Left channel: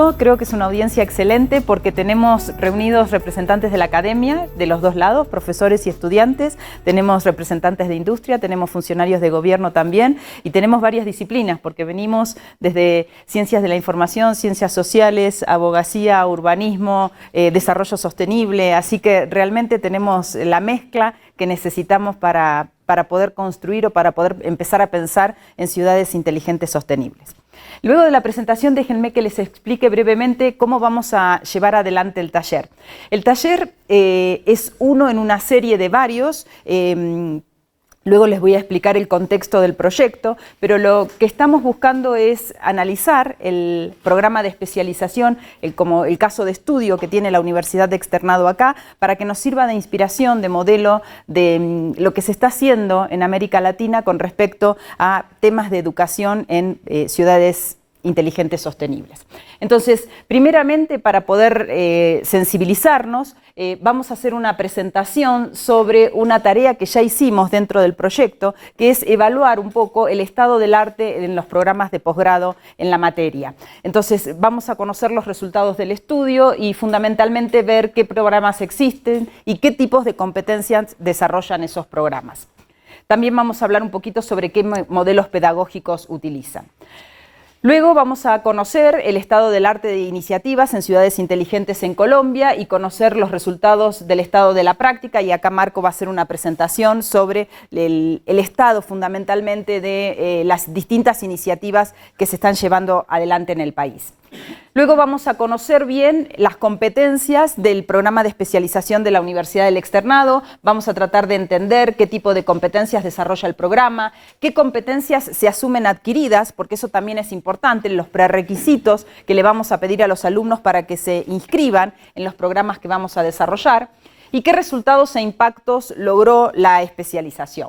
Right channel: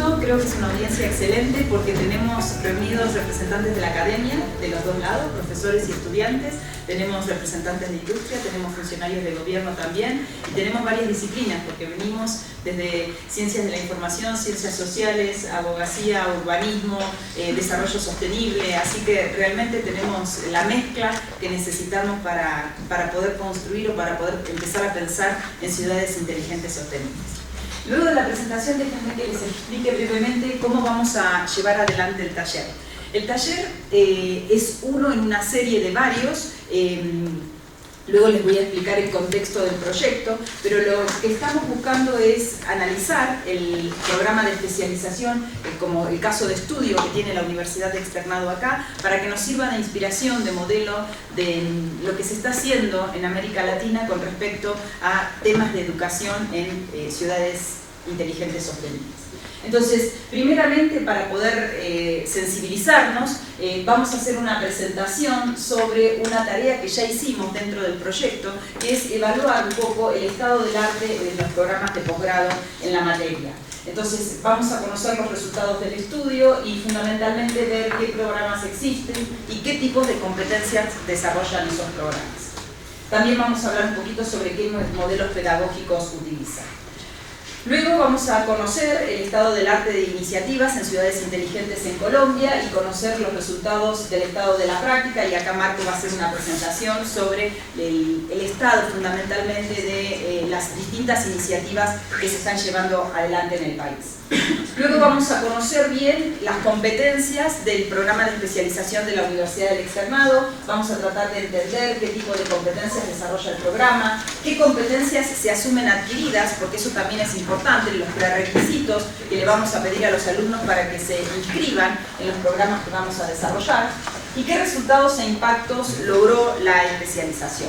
gusto, creo que es una audiencia excelente porque tenemos reunidos representantes de la academia de los dos lados, profesores y estudiantes, tenemos representantes de industria, tenemos funcionarios de gobierno también y tenemos varias disciplinas porque venimos desde ciencias de la información, ciencias sociales, abogacía, urbanismo, desarrollo sostenible, así que realmente tenemos la mezcla que necesitamos para poder construir o para poder empezar a pensar en ciudades inteligentes sostenibles. Luego de la presentación, déjenme que les explique brevemente cómo vamos a llevar adelante el taller. El taller es uno en una serie de varios, luego les voy a explicar el contexto del proyecto, pero lo que estamos buscando es analizar el programa de especialización, como el caso de estudio que tiene la Universidad de Externado acá, para que nos sirva de inspiración, de modelo de lo que se está haciendo en América Latina con respecto a temas de educación en ciudades inteligentes sostenibles. Entonces, primeramente, para poder sensibilizarnos, vamos a hacer una presentación sobre una tarea que ya hicimos dentro del proyecto, que es evaluar un poco el estado del arte en los programas de posgrado en la materia. Entonces, vamos a conocer los resultados del estudio y fundamentalmente ver qué programas existen y qué tipos de competencias desarrollan esos programas. También vamos a hablar un poquito sobre qué modelos pedagógicos utilizan. Luego vamos a conocer el estado del arte de iniciativas en ciudades inteligentes en Colombia y conocer los resultados del estado de la práctica, y acá Marco va a hacer una presentación sobre el estado fundamentalmente de las distintas iniciativas que se están llevando adelante en el país. Luego vamos a conocer bien las competencias del programa de especialización de la Universidad del Externado, vamos a tratar de entender qué tipo de competencias desarrolla el programa, qué competencias se asumen adquiridas, porque eso también es importante, los prerequisitos que le vamos a pedir a los alumnos para que se inscriban en los programas que vamos a desarrollar, y qué resultados e impactos logró la especialización.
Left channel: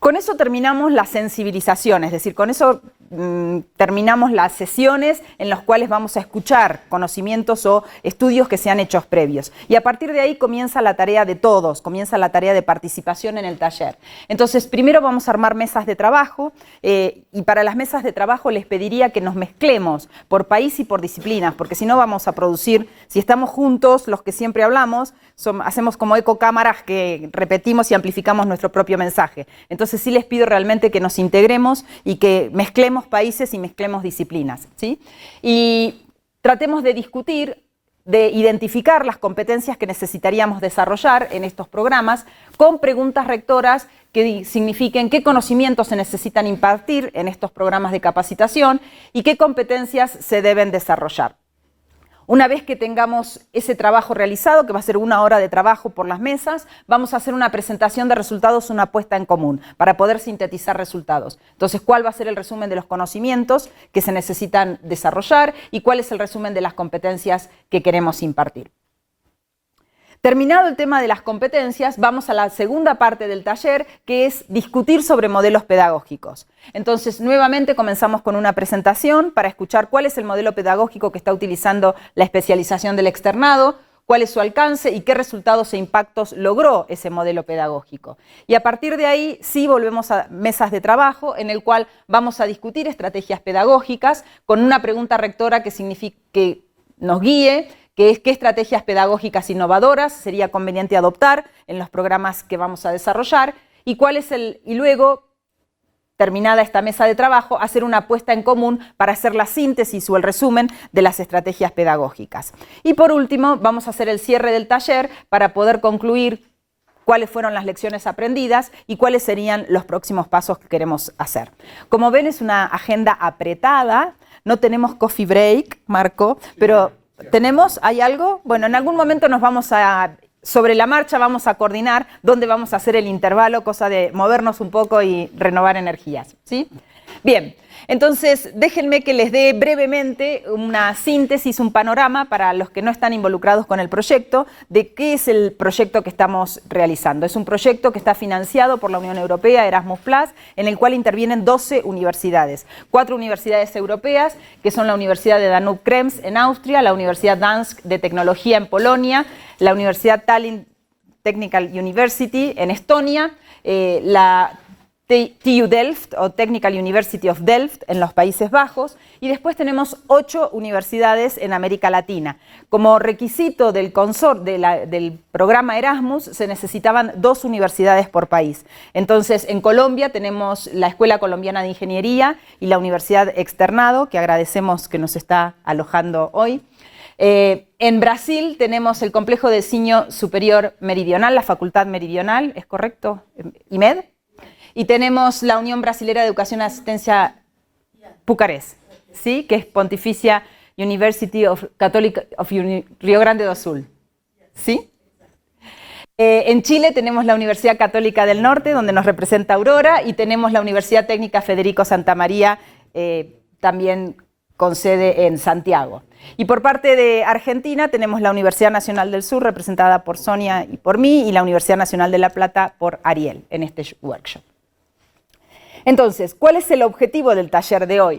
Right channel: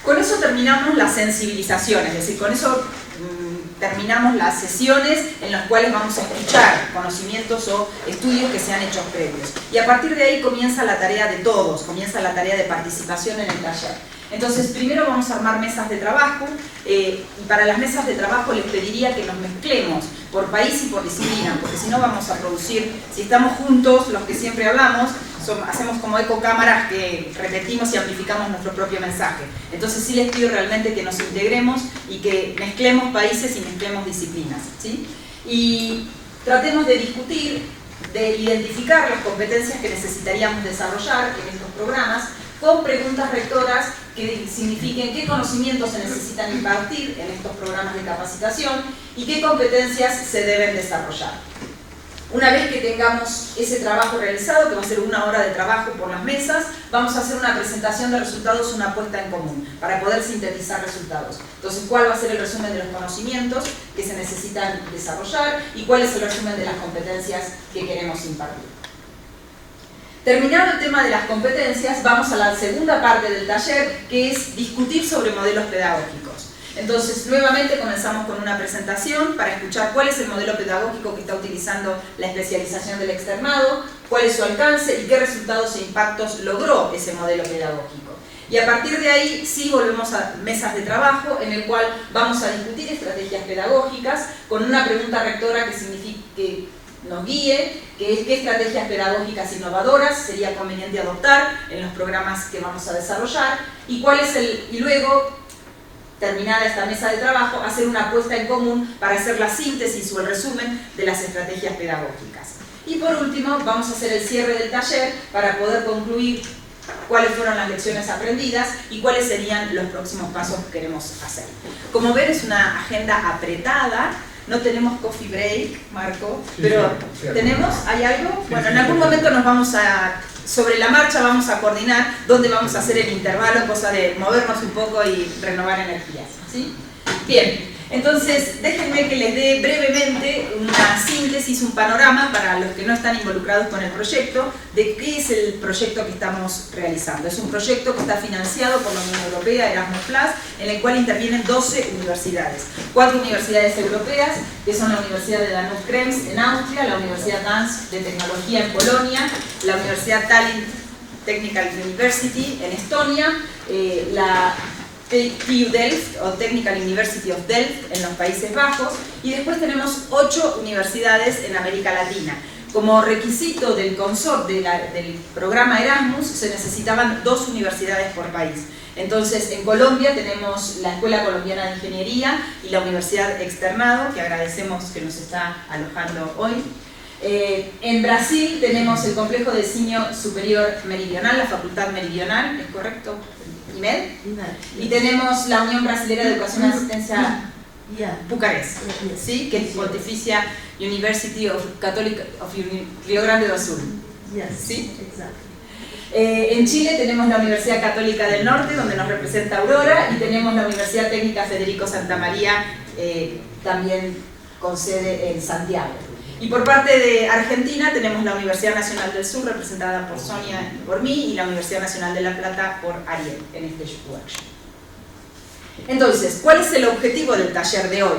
Con eso terminamos la sensibilización, es decir, con eso terminamos las sesiones en las cuales vamos a escuchar conocimientos o estudios que se han hecho previos. Y a partir de ahí comienza la tarea de todos, comienza la tarea de participación en el taller. Entonces, primero vamos a armar mesas de trabajo y para las mesas de trabajo les pediría que nos mezclemos por país y por disciplina, porque si no vamos a producir, si estamos juntos, los que siempre hablamos, hacemos como ecocámaras que repetimos y amplificamos nuestro propio mensaje. Entonces sí les pido realmente que nos integremos y que mezclemos países y mezclemos disciplinas, ¿sí? Y tratemos de discutir, de identificar las competencias que necesitaríamos desarrollar en estos programas con preguntas rectoras que signifiquen qué conocimientos se necesitan impartir en estos programas de capacitación y qué competencias se deben desarrollar. Una vez que tengamos ese trabajo realizado, que va a ser 1 hora de trabajo por las mesas, vamos a hacer una presentación de resultados, una puesta en común, para poder sintetizar resultados. Entonces, ¿cuál va a ser el resumen de los conocimientos que se necesitan desarrollar y cuál es el resumen de las competencias que queremos impartir? Terminado el tema de las competencias, vamos a la segunda parte del taller, que es discutir sobre modelos pedagógicos. Entonces, nuevamente comenzamos con una presentación para escuchar cuál es el modelo pedagógico que está utilizando la especialización del externado, cuál es su alcance y qué resultados e impactos logró ese modelo pedagógico. Y a partir de ahí sí volvemos a mesas de trabajo en el cual vamos a discutir estrategias pedagógicas con una pregunta rectora que nos guíe, que es qué estrategias pedagógicas innovadoras sería conveniente adoptar en los programas que vamos a desarrollar y luego, terminada esta mesa de trabajo, hacer una puesta en común para hacer la síntesis o el resumen de las estrategias pedagógicas. Y por último, vamos a hacer el cierre del taller para poder concluir cuáles fueron las lecciones aprendidas y cuáles serían los próximos pasos que queremos hacer. Como ven, es una agenda apretada. No tenemos coffee break, Marco, pero ¿hay algo? Bueno, en algún momento sobre la marcha vamos a coordinar dónde vamos a hacer el intervalo, cosa de movernos un poco y renovar energías, ¿sí? Bien, entonces déjenme que les dé brevemente una síntesis, un panorama para los que no están involucrados con el proyecto, de qué es el proyecto que estamos realizando. Es un proyecto que está financiado por la Unión Europea, Erasmus+, en el cual intervienen 12 universidades. 4 universidades europeas, que son la Universidad de Danube-Krems en Austria, la Universidad Dansk de Tecnología en Polonia, la Universidad Tallinn Technical University en Estonia, la TU TU Delft o Technical University of Delft en los Países Bajos, y después tenemos 8 universidades en América Latina. Como requisito del del programa Erasmus se necesitaban 2 universidades por país. Entonces, en Colombia tenemos la Escuela Colombiana de Ingeniería y la Universidad Externado, que agradecemos que nos está alojando hoy. En Brasil tenemos el Complejo de Ensino Superior Meridional, la Facultad Meridional, ¿es correcto? IMED. Y tenemos la Unión Brasilera de Educación y Asistencia Pucarés, ¿sí? Que es Pontificia University of Rio Grande do Sul. ¿Sí? En Chile tenemos la Universidad Católica del Norte, donde nos representa Aurora, y tenemos la Universidad Técnica Federico Santa María, también con sede en Santiago. Y por parte de Argentina tenemos la Universidad Nacional del Sur, representada por Sonia y por mí, y la Universidad Nacional de La Plata por Ariel, en este workshop. Entonces, ¿cuál es el objetivo del taller de hoy?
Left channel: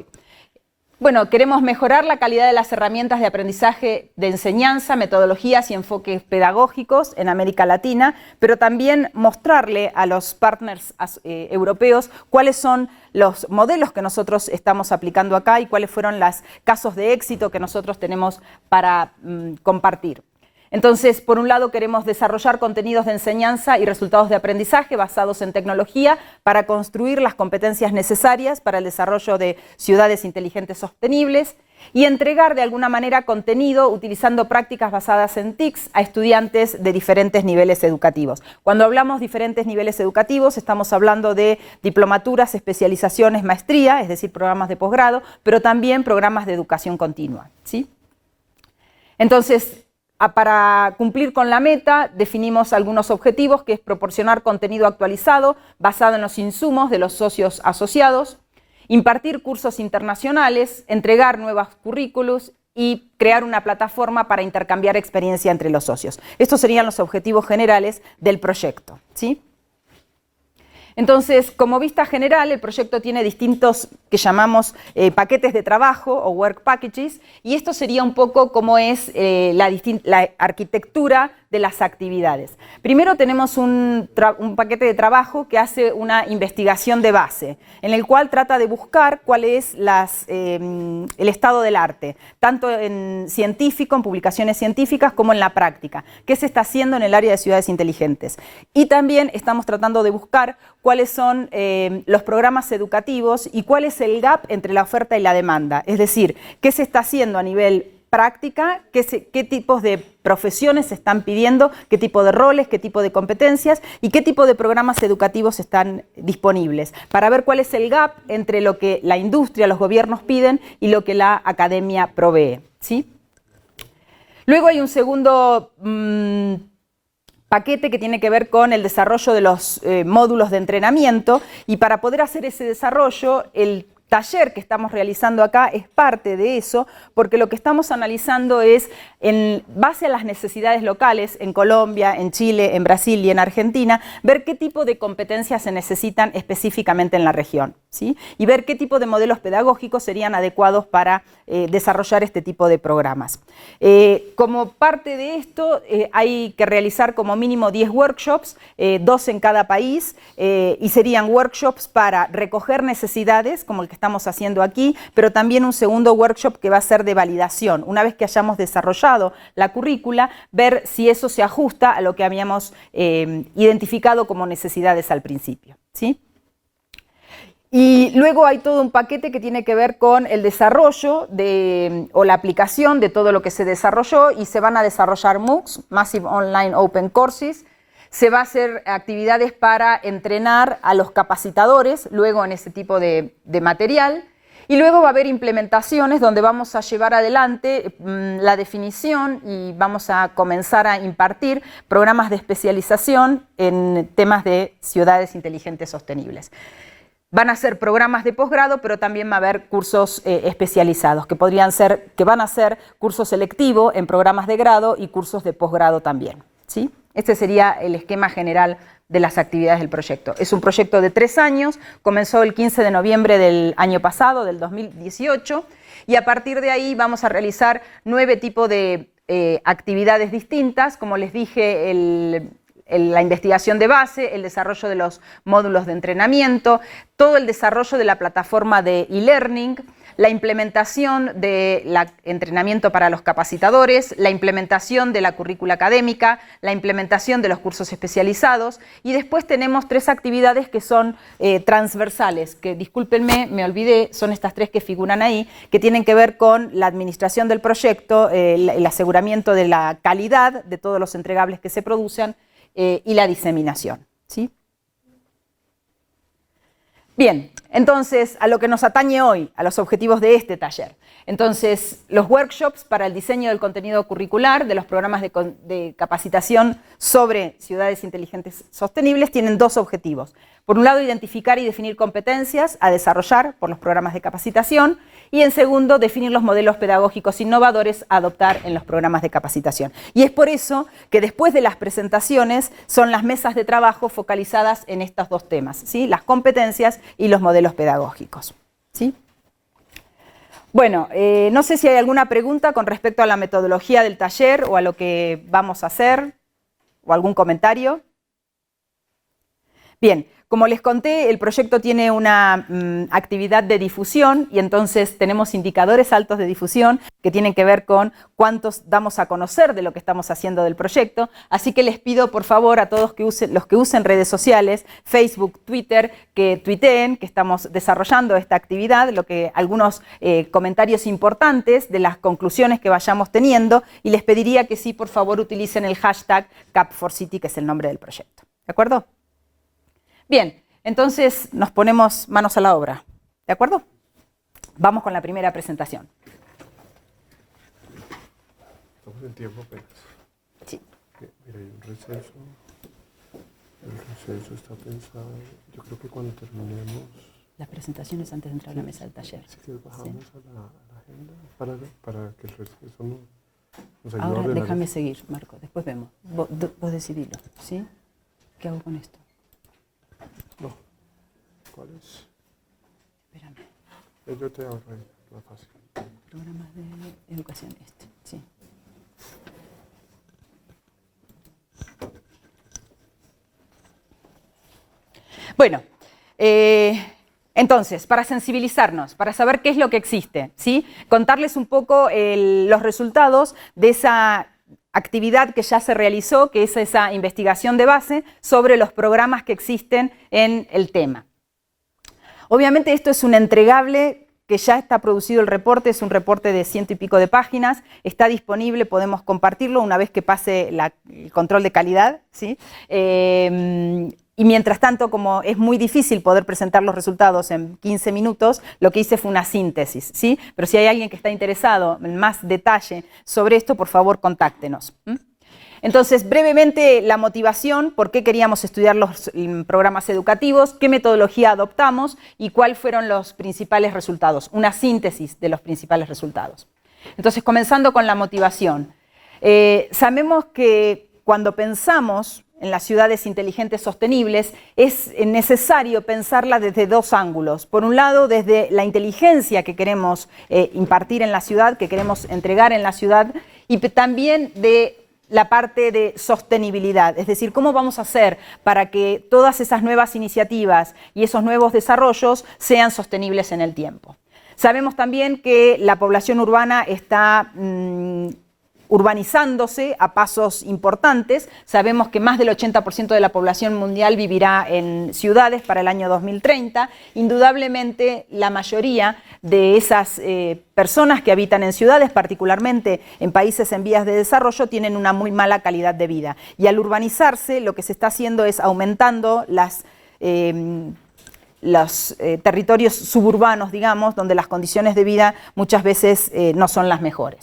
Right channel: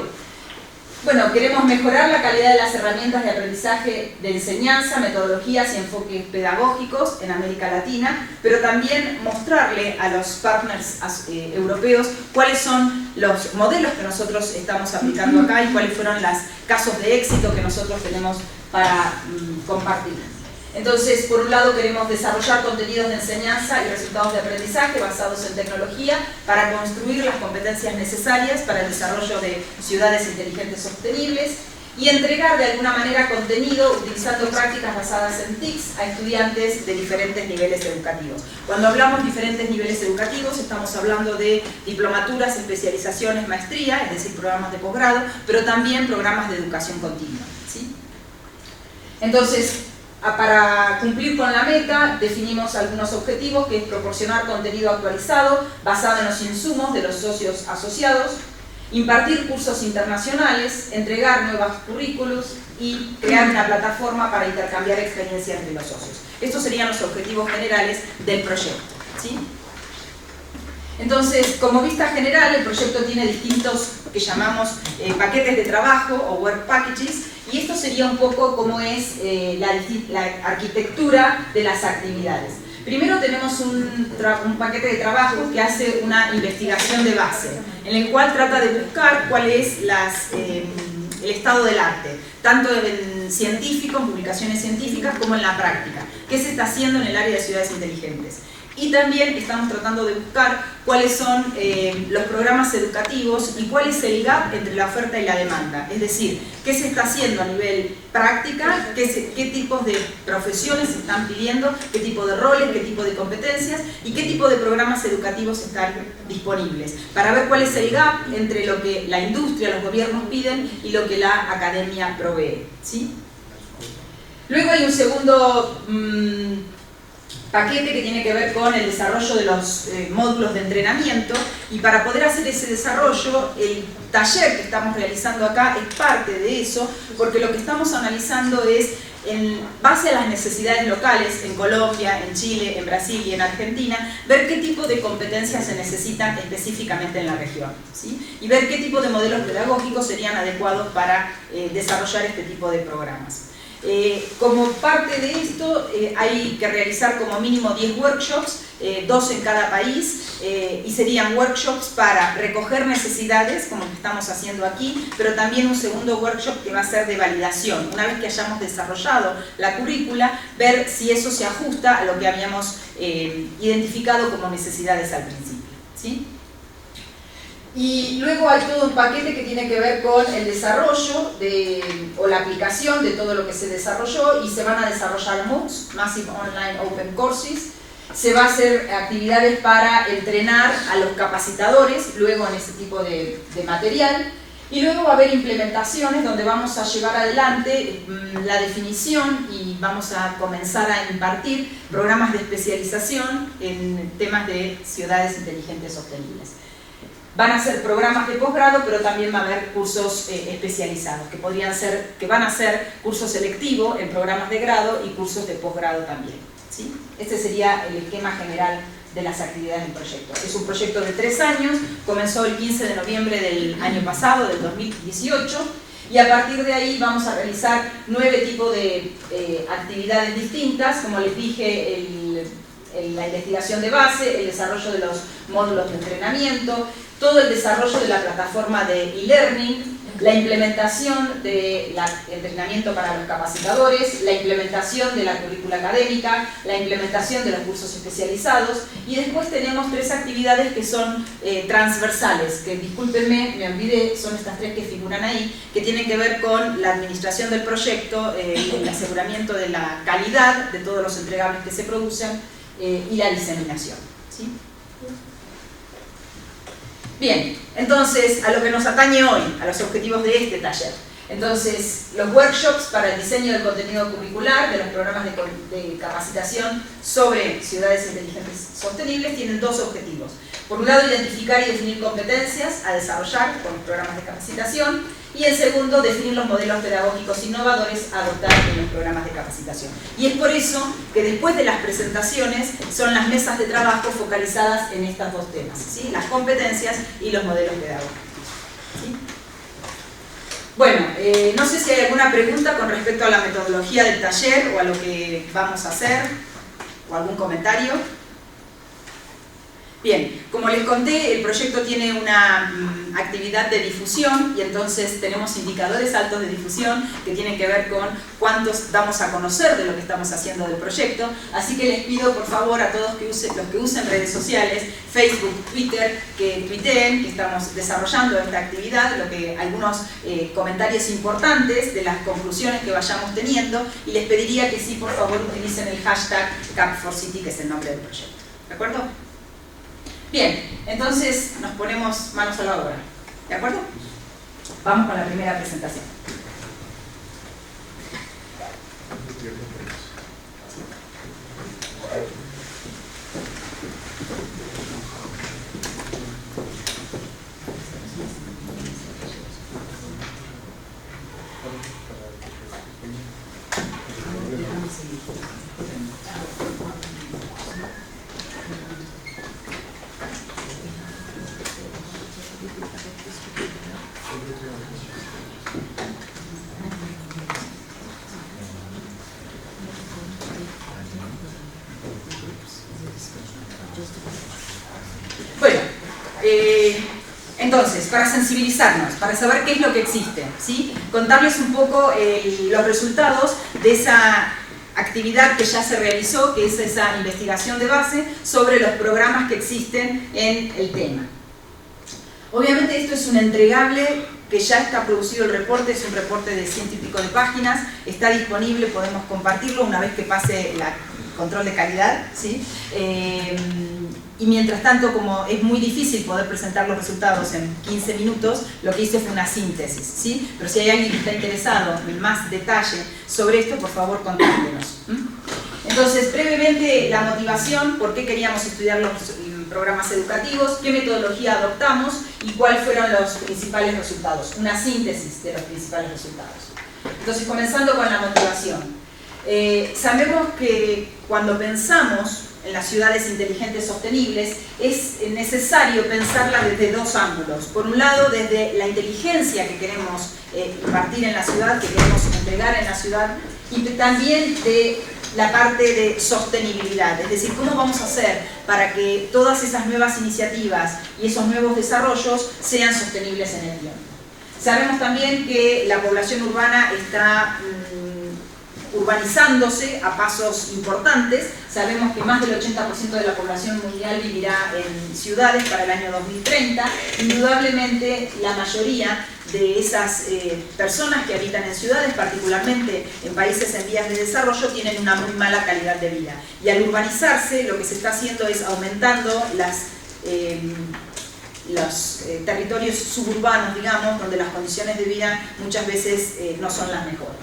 Bueno, queremos mejorar la calidad de las herramientas de aprendizaje de enseñanza, metodologías y enfoques pedagógicos en América Latina, pero también mostrarle a los partners europeos cuáles son los modelos que nosotros estamos aplicando acá y cuáles fueron los casos de éxito que nosotros tenemos para compartir. Entonces, por un lado queremos desarrollar contenidos de enseñanza y resultados de aprendizaje basados en tecnología para construir las competencias necesarias para el desarrollo de ciudades inteligentes sostenibles y entregar de alguna manera contenido utilizando prácticas basadas en TICs a estudiantes de diferentes niveles educativos. Cuando hablamos de diferentes niveles educativos estamos hablando de diplomaturas, especializaciones, maestría, es decir, programas de posgrado, pero también programas de educación continua, ¿sí? Entonces, para cumplir con la meta, definimos algunos objetivos, que es proporcionar contenido actualizado basado en los insumos de los socios asociados, impartir cursos internacionales, entregar nuevos currículos y crear una plataforma para intercambiar experiencia entre los socios. Estos serían los objetivos generales del proyecto, ¿sí? Entonces, como vista general, el proyecto tiene distintos, que llamamos paquetes de trabajo o work packages, y esto sería un poco como es la arquitectura de las actividades. Primero tenemos un paquete de trabajo que hace una investigación de base, en el cual trata de buscar cuál es el estado del arte, tanto en científico, en publicaciones científicas, como en la práctica. ¿Qué se está haciendo en el área de ciudades inteligentes? Y también estamos tratando de buscar cuáles son los programas educativos y cuál es el gap entre la oferta y la demanda. Es decir, qué se está haciendo a nivel práctica, qué tipos de profesiones se están pidiendo, qué tipo de roles, qué tipo de competencias y qué tipo de programas educativos están disponibles, para ver cuál es el gap entre lo que la industria, los gobiernos piden y lo que la academia provee, ¿sí? Luego hay un segundo paquete que tiene que ver con el desarrollo de los módulos de entrenamiento, y para poder hacer ese desarrollo, el taller que estamos realizando acá es parte de eso, porque lo que estamos analizando es, en base a las necesidades locales, en Colombia, en Chile, en Brasil y en Argentina, ver qué tipo de competencias se necesitan específicamente en la región, ¿sí? Y ver qué tipo de modelos pedagógicos serían adecuados para desarrollar este tipo de programas. Como parte de esto hay que realizar como mínimo 10 workshops, 2 en cada país, y serían workshops para recoger necesidades, como el que estamos haciendo aquí, pero también un segundo workshop que va a ser de validación. Una vez que hayamos desarrollado la currícula, ver si eso se ajusta a lo que habíamos identificado como necesidades al principio, ¿sí? Y luego hay todo un paquete que tiene que ver con el desarrollo o la aplicación de todo lo que se desarrolló, y se van a desarrollar MOOCs, Massive Online Open Courses. Se va a hacer actividades para entrenar a los capacitadores luego en ese tipo de material, y luego va a haber implementaciones donde vamos a llevar adelante la definición y vamos a comenzar a impartir programas de especialización en temas de ciudades inteligentes sostenibles. Van a ser programas de posgrado, pero también va a haber cursos especializados, que van a ser cursos selectivos en programas de grado y cursos de posgrado también, ¿sí? Este sería el esquema general de las actividades del proyecto. Es un proyecto de 3 años, comenzó el 15 de noviembre del año pasado, del 2018, y a partir de ahí vamos a realizar 9 tipos de actividades distintas. Como les dije, la investigación de base, el desarrollo de los módulos de entrenamiento, todo el desarrollo de la plataforma de e-learning, la implementación del entrenamiento para los capacitadores, la implementación de la currícula académica, la implementación de los cursos especializados, y después tenemos 3 actividades que son transversales, que discúlpenme, me olvidé, son estas 3 que figuran ahí, que tienen que ver con la administración del proyecto, el aseguramiento de la calidad de todos los entregables que se producen y la diseminación, ¿sí? Bien, entonces, a lo que nos atañe hoy, a los objetivos de este taller. Entonces, los workshops para el diseño del contenido curricular de los programas de capacitación sobre ciudades inteligentes sostenibles tienen 2 objetivos. Por un lado, identificar y definir competencias a desarrollar por los programas de capacitación, y en segundo, definir los modelos pedagógicos innovadores a adoptar en los programas de capacitación. Y es por eso que después de las presentaciones son las mesas de trabajo focalizadas en estos 2 temas, ¿sí? Las competencias y los modelos pedagógicos, ¿sí? Bueno, no sé si hay alguna pregunta con respecto a la metodología del taller o a lo que vamos a hacer, o algún comentario. Bien, como les conté, el proyecto tiene una actividad de difusión, y entonces tenemos indicadores altos de difusión que tienen que ver con cuántos damos a conocer de lo que estamos haciendo del proyecto. Así que les pido por favor a todos los que usen redes sociales, Facebook, Twitter, que tuiteen que estamos desarrollando esta actividad, algunos comentarios importantes de las conclusiones que vayamos teniendo, y les pediría que sí, por favor, utilicen el hashtag Camp4City, que es el nombre del proyecto. ¿De acuerdo? Bien, entonces nos ponemos manos a la obra, ¿de acuerdo? Vamos con la primera presentación. Sí. Ahora déjame seguir. Vos seguir, ¿sí? Bueno, entonces, para sensibilizarnos, para saber qué es lo que existe, ¿sí? Contarles un poco los resultados de esa actividad que ya se realizó, que es esa investigación de base sobre los programas que existen en el tema. Obviamente esto es un entregable que ya está producido el reporte, es un reporte de 100 y pico de páginas, está disponible, podemos compartirlo una vez que pase el control de calidad, ¿sí? Y mientras tanto, como es muy difícil poder presentar los resultados en 15 minutos, lo que hice fue una síntesis, ¿sí? Pero si hay alguien que está interesado en más detalle sobre esto, por favor, contáctenos. Entonces, brevemente, la motivación, por qué queríamos estudiar los programas educativos, qué metodología adoptamos y cuáles fueron los principales resultados. Una síntesis de los principales resultados. Entonces, comenzando con la motivación. Sabemos que cuando pensamos en las ciudades inteligentes sostenibles, es necesario pensarlas desde 2 ángulos. Por un lado, desde la inteligencia que queremos impartir en la ciudad, que queremos entregar en la ciudad, y también de la parte de sostenibilidad, es decir, cómo vamos a hacer para que todas esas nuevas iniciativas y esos nuevos desarrollos sean sostenibles en el tiempo. Sabemos también que la población urbana está urbanizándose a pasos importantes. Sabemos que más del 80% de la población mundial vivirá en ciudades para el año 2030. Indudablemente, la mayoría de esas personas que habitan en ciudades, particularmente en países en vías de desarrollo, tienen una muy mala calidad de vida. Y al urbanizarse, lo que se está haciendo es aumentando los territorios suburbanos, digamos, donde las condiciones de vida muchas veces no son las mejores.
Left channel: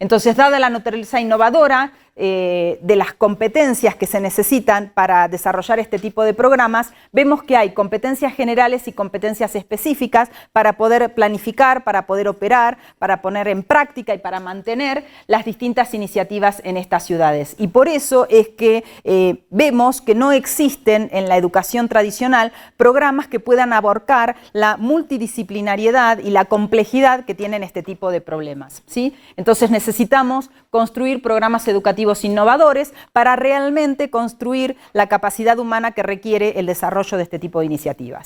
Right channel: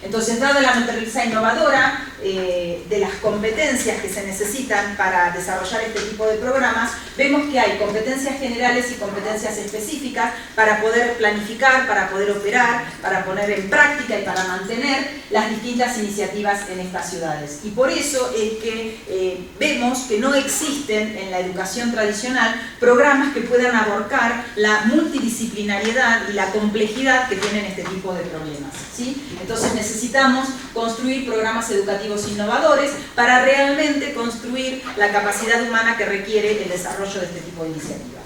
Entonces, dada la naturaleza innovadora de las competencias que se necesitan para desarrollar este tipo de programas, vemos que hay competencias generales y competencias específicas para poder planificar, para poder operar, para poner en práctica y para mantener las distintas iniciativas en estas ciudades. Y por eso es que vemos que no existen en la educación tradicional programas que puedan abarcar la multidisciplinariedad y la complejidad que tienen este tipo de problemas, ¿sí? Entonces necesitamos necesitamos construir programas educativos innovadores para realmente construir la capacidad humana que requiere el desarrollo de este tipo de iniciativas.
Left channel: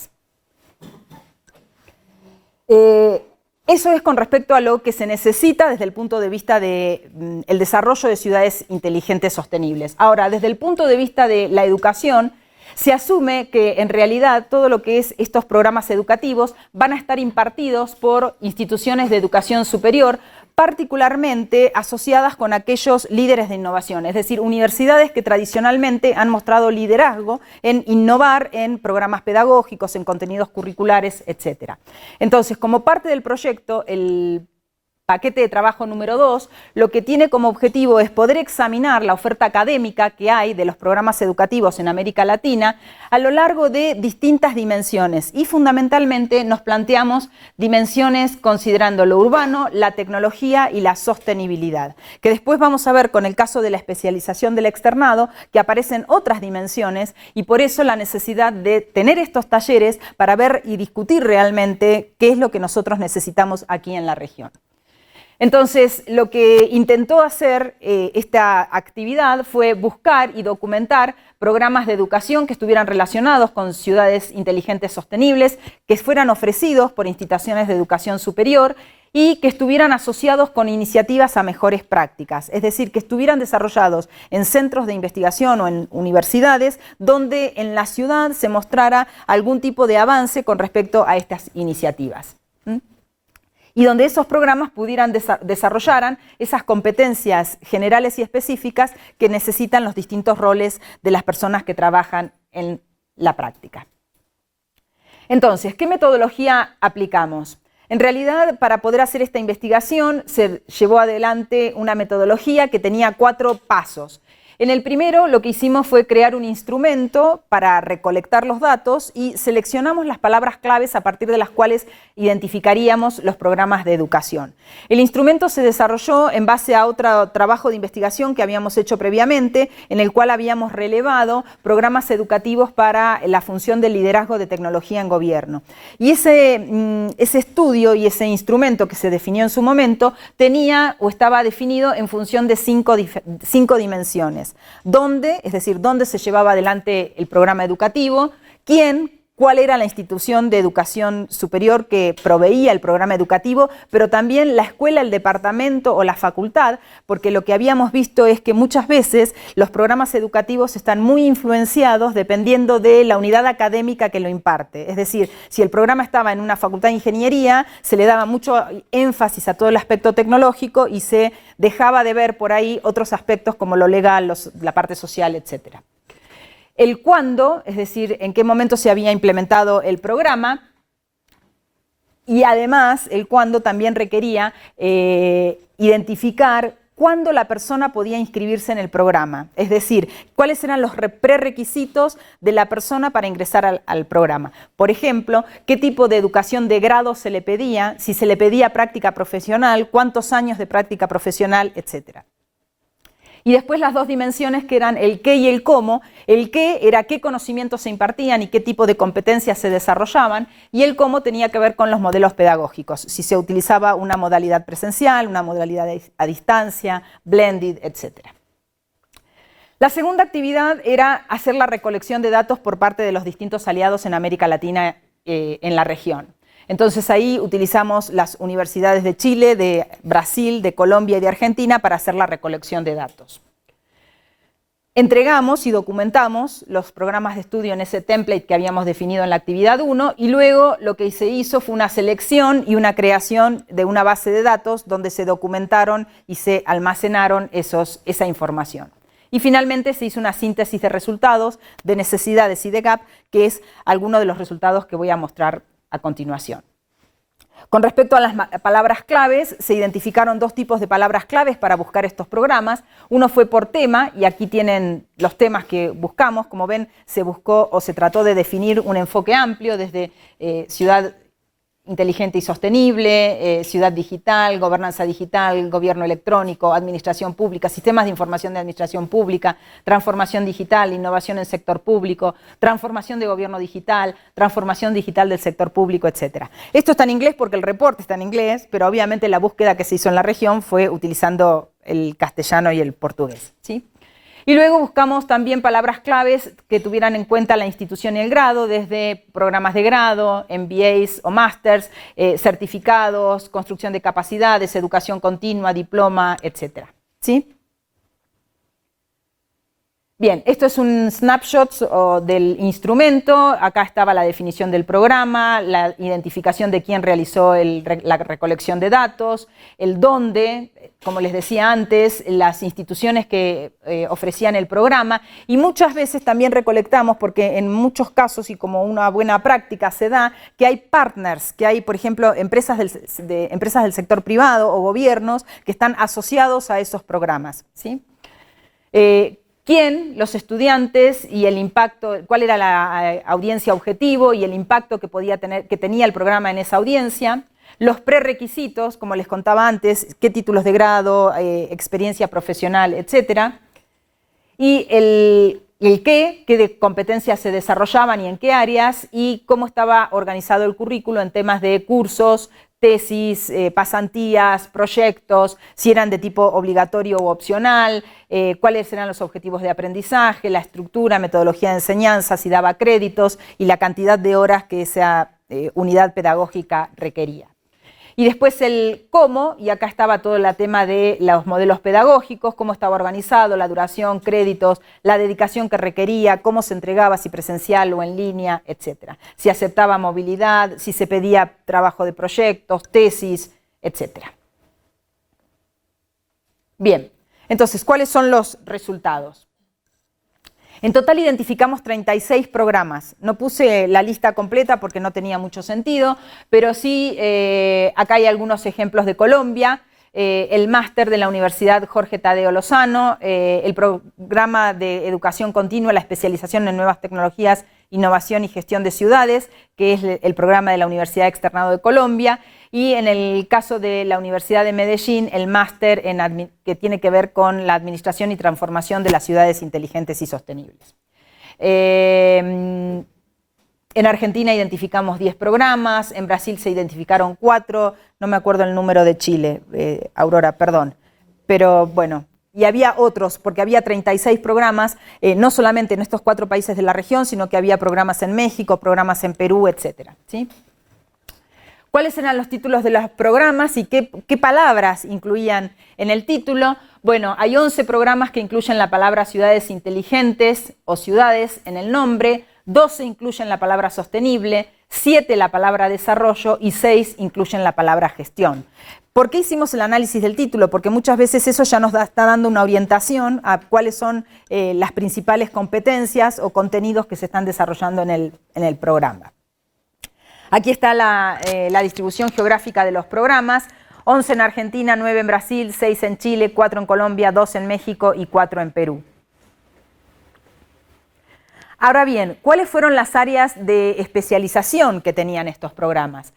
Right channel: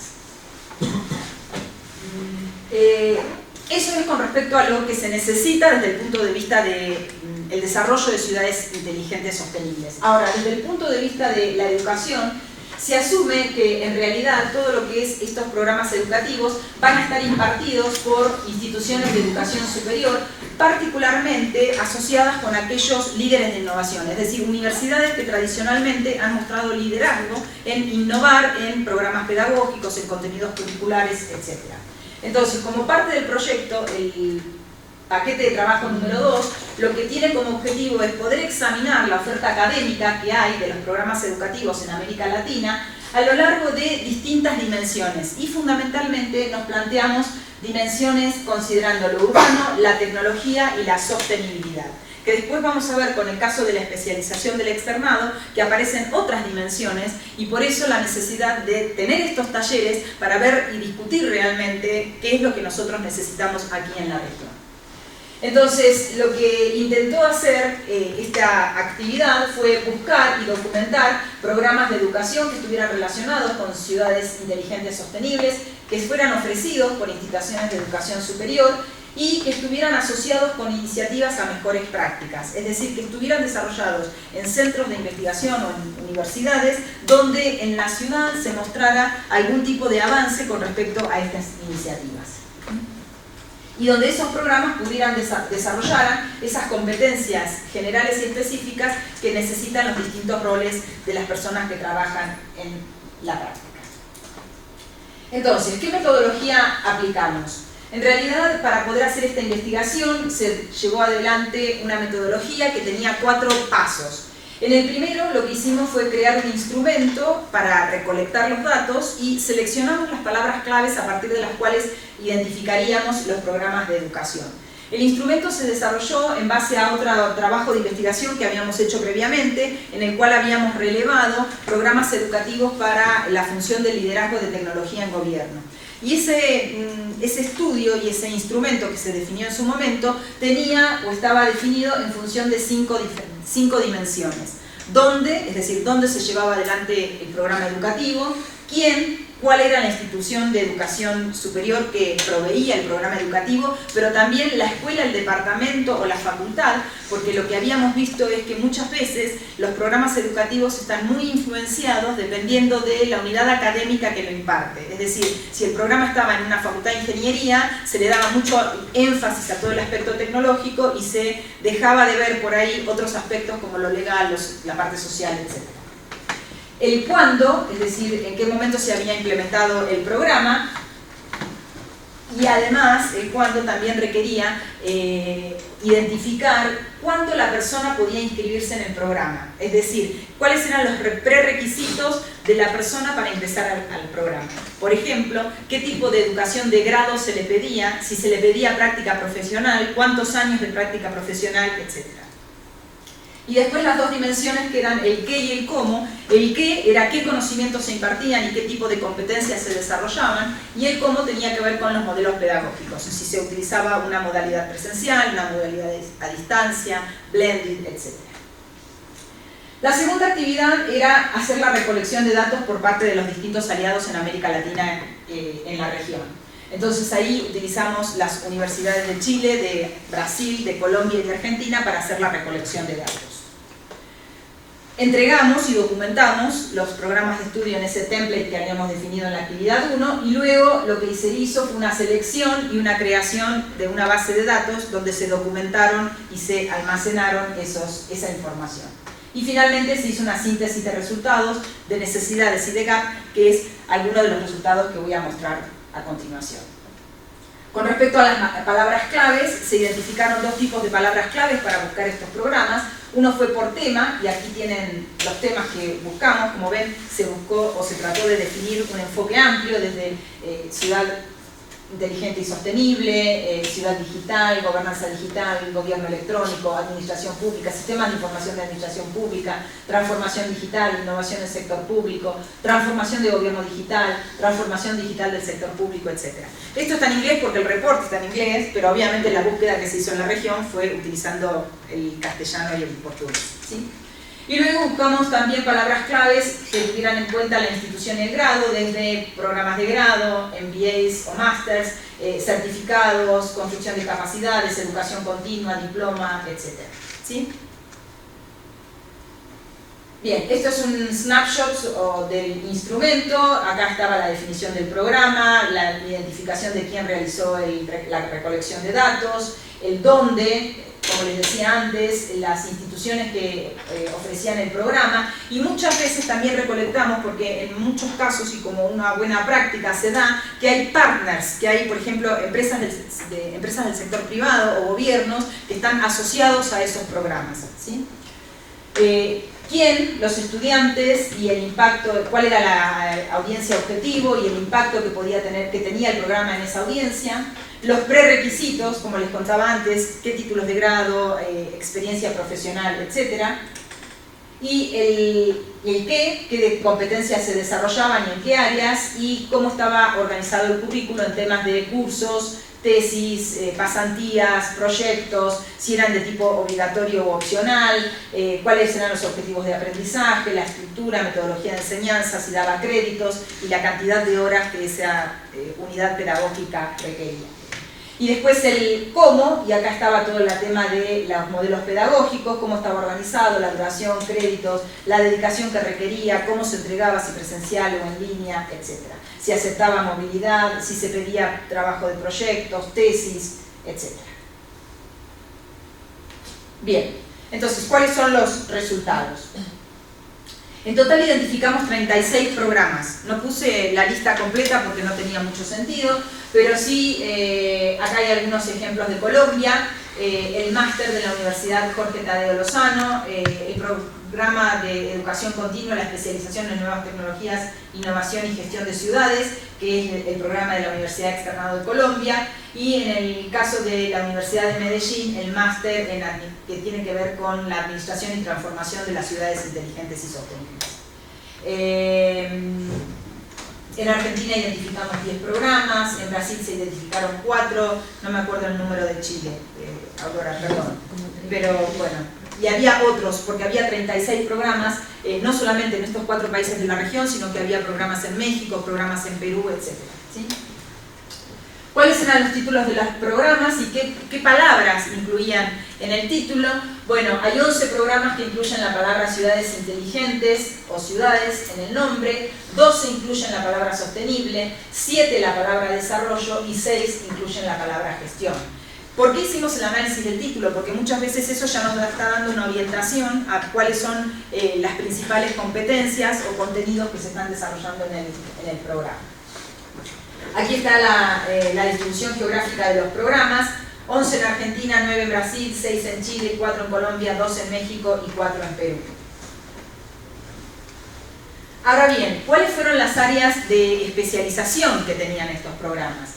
Eso es con respecto a lo que se necesita desde el punto de vista del desarrollo de ciudades inteligentes sostenibles. Ahora, desde el punto de vista de la educación, se asume que en realidad todo lo que es estos programas educativos van a estar impartidos por instituciones de educación superior, particularmente asociadas con aquellos líderes de innovación, es decir, universidades que tradicionalmente han mostrado liderazgo en innovar en programas pedagógicos, en contenidos curriculares, etc. Entonces, como parte del proyecto, el paquete de trabajo número 2, lo que tiene como objetivo es poder examinar la oferta académica que hay de los programas educativos en América Latina a lo largo de distintas dimensiones y fundamentalmente nos planteamos dimensiones considerando lo urbano, la tecnología y la sostenibilidad, que después vamos a ver con el caso de la especialización del externado, que aparecen otras dimensiones y por eso la necesidad de tener estos talleres para ver y discutir realmente qué es lo que nosotros necesitamos aquí en la región. Entonces, lo que intentó hacer esta actividad fue buscar y documentar programas de educación que estuvieran relacionados con ciudades inteligentes sostenibles, que fueran ofrecidos por instituciones de educación superior y que estuvieran asociados con iniciativas a mejores prácticas, es decir, que estuvieran desarrollados en centros de investigación o en universidades donde en la ciudad se mostrara algún tipo de avance con respecto a estas iniciativas. Y donde esos programas pudieran desarrollar esas competencias generales y específicas que necesitan los distintos roles de las personas que trabajan en la práctica. Entonces, ¿qué metodología aplicamos? En realidad, para poder hacer esta investigación, se llevó adelante una metodología que tenía 4 pasos. En el primero, lo que hicimos fue crear un instrumento para recolectar los datos y seleccionamos las palabras claves a partir de las cuales identificaríamos los programas de educación. El instrumento se desarrolló en base a otro trabajo de investigación que habíamos hecho previamente, en el cual habíamos relevado programas educativos para la función de liderazgo de tecnología en gobierno. Y ese estudio y ese instrumento que se definió en su momento tenía o estaba definido en función de 5 dimensiones. ¿Dónde? Es decir, dónde se llevaba adelante el programa educativo, quién, cuál era la institución de educación superior que proveía el programa educativo, pero también la escuela, el departamento o la facultad, porque lo que habíamos visto es que muchas veces los programas educativos están muy influenciados dependiendo de la unidad académica que lo imparte. Es decir, si el programa estaba en una facultad de ingeniería, se le daba mucho énfasis a todo el aspecto tecnológico y se dejaba de ver por ahí otros aspectos como lo legal, la parte social, etc. El cuándo, es decir, en qué momento se había implementado el programa, y además el cuándo también requería identificar cuándo la persona podía inscribirse en el programa, es decir, cuáles eran los prerequisitos de la persona para ingresar al programa. Por ejemplo, qué tipo de educación de grado se le pedía, si se le pedía práctica profesional, cuántos años de práctica profesional, etc. Y después las 2 dimensiones que eran el qué y el cómo. El qué era qué conocimientos se impartían y qué tipo de competencias se desarrollaban, y el cómo tenía que ver con los modelos pedagógicos, si se utilizaba una modalidad presencial, una modalidad a distancia, blended, etc. La segunda actividad era hacer la recolección de datos por parte de los distintos aliados en América Latina en la región. Entonces ahí utilizamos las universidades de Chile, de Brasil, de Colombia y de Argentina para hacer la recolección de datos. Entregamos y documentamos los programas de estudio en ese template que habíamos definido en la actividad 1 y luego lo que se hizo fue una selección y una creación de una base de datos donde se documentaron y se almacenaron esa información. Y finalmente se hizo una síntesis de resultados, de necesidades y de gap, que es alguno de los resultados que voy a mostrar a continuación. Con respecto a las palabras claves, se identificaron 2 tipos de palabras claves para buscar estos programas. Uno fue por tema, y aquí tienen los temas que buscamos. Como ven, se buscó o se trató de definir un enfoque amplio desde ciudad inteligente y sostenible, ciudad digital, gobernanza digital, gobierno electrónico, administración pública, sistemas de información de administración pública, transformación digital, innovación en el sector público, transformación de gobierno digital, transformación digital del sector público, etc. Esto está en inglés porque el reporte está en inglés, pero obviamente la búsqueda que se hizo en la región fue utilizando el castellano y el portugués, ¿sí? Y luego buscamos también palabras claves que tuvieran en cuenta la institución y el grado, desde programas de grado, MBAs o Masters, certificados, construcción de capacidades, educación continua, diploma, etc. ¿Sí? Bien, esto es un snapshot del instrumento. Acá estaba la definición del programa, la identificación de quién realizó la recolección de datos, el dónde, como les decía antes, las instituciones que ofrecían el programa, y muchas veces también recolectamos, porque en muchos casos y como una buena práctica se da, que hay partners, que hay, por ejemplo, empresas del sector privado o gobiernos que están asociados a esos programas, ¿sí? ¿Quién? Los estudiantes y el impacto, cuál era la audiencia objetivo y el impacto que tenía el programa en esa audiencia. Los prerequisitos, como les contaba antes, qué títulos de grado, experiencia profesional, etc. Y el qué de competencias se desarrollaban y en qué áreas, y cómo estaba organizado el currículo en temas de cursos, tesis, pasantías, proyectos, si eran de tipo obligatorio u opcional, cuáles eran los objetivos de aprendizaje, la estructura, metodología de enseñanza, si daba créditos y la cantidad de horas que esa unidad pedagógica requería. Y después el cómo, y acá estaba todo el tema de los modelos pedagógicos, cómo estaba organizado, la duración, créditos, la dedicación que requería, cómo se entregaba, si presencial o en línea, etc. Si aceptaba movilidad, si se pedía trabajo de proyectos, tesis, etc. Bien, entonces, ¿cuáles son los resultados? En total identificamos 36 programas. No puse la lista completa porque no tenía mucho sentido, pero sí, acá hay algunos ejemplos de Colombia, el máster de la Universidad Jorge Tadeo Lozano, el programa de educación continua, la especialización en nuevas tecnologías, innovación y gestión de ciudades, que es el programa de la Universidad Externado de Colombia, y en el caso de la Universidad de Medellín, el máster que tiene que ver con la administración y transformación de las ciudades inteligentes y sostenibles. En Argentina identificamos 10 programas, en Brasil se identificaron 4, no me acuerdo el número de Chile, Aurora, perdón, pero bueno, y había otros, porque había 36 programas, no solamente en estos 4 países de la región, sino que había programas en México, programas en Perú, etc. ¿Sí? ¿Cuáles eran los títulos de los programas y qué palabras incluían en el título? Bueno, hay 11 programas que incluyen la palabra ciudades inteligentes o ciudades en el nombre, 12 incluyen la palabra sostenible, 7 la palabra desarrollo y 6 incluyen la palabra gestión. ¿Por qué hicimos el análisis del título? Porque muchas veces eso ya nos está dando una orientación a cuáles son las principales competencias o contenidos que se están desarrollando en el programa. Aquí está la distribución geográfica de los programas: 11 en Argentina, 9 en Brasil, 6 en Chile, 4 en Colombia, 2 en México y 4 en Perú. Ahora bien, ¿cuáles fueron las áreas de especialización que tenían estos programas?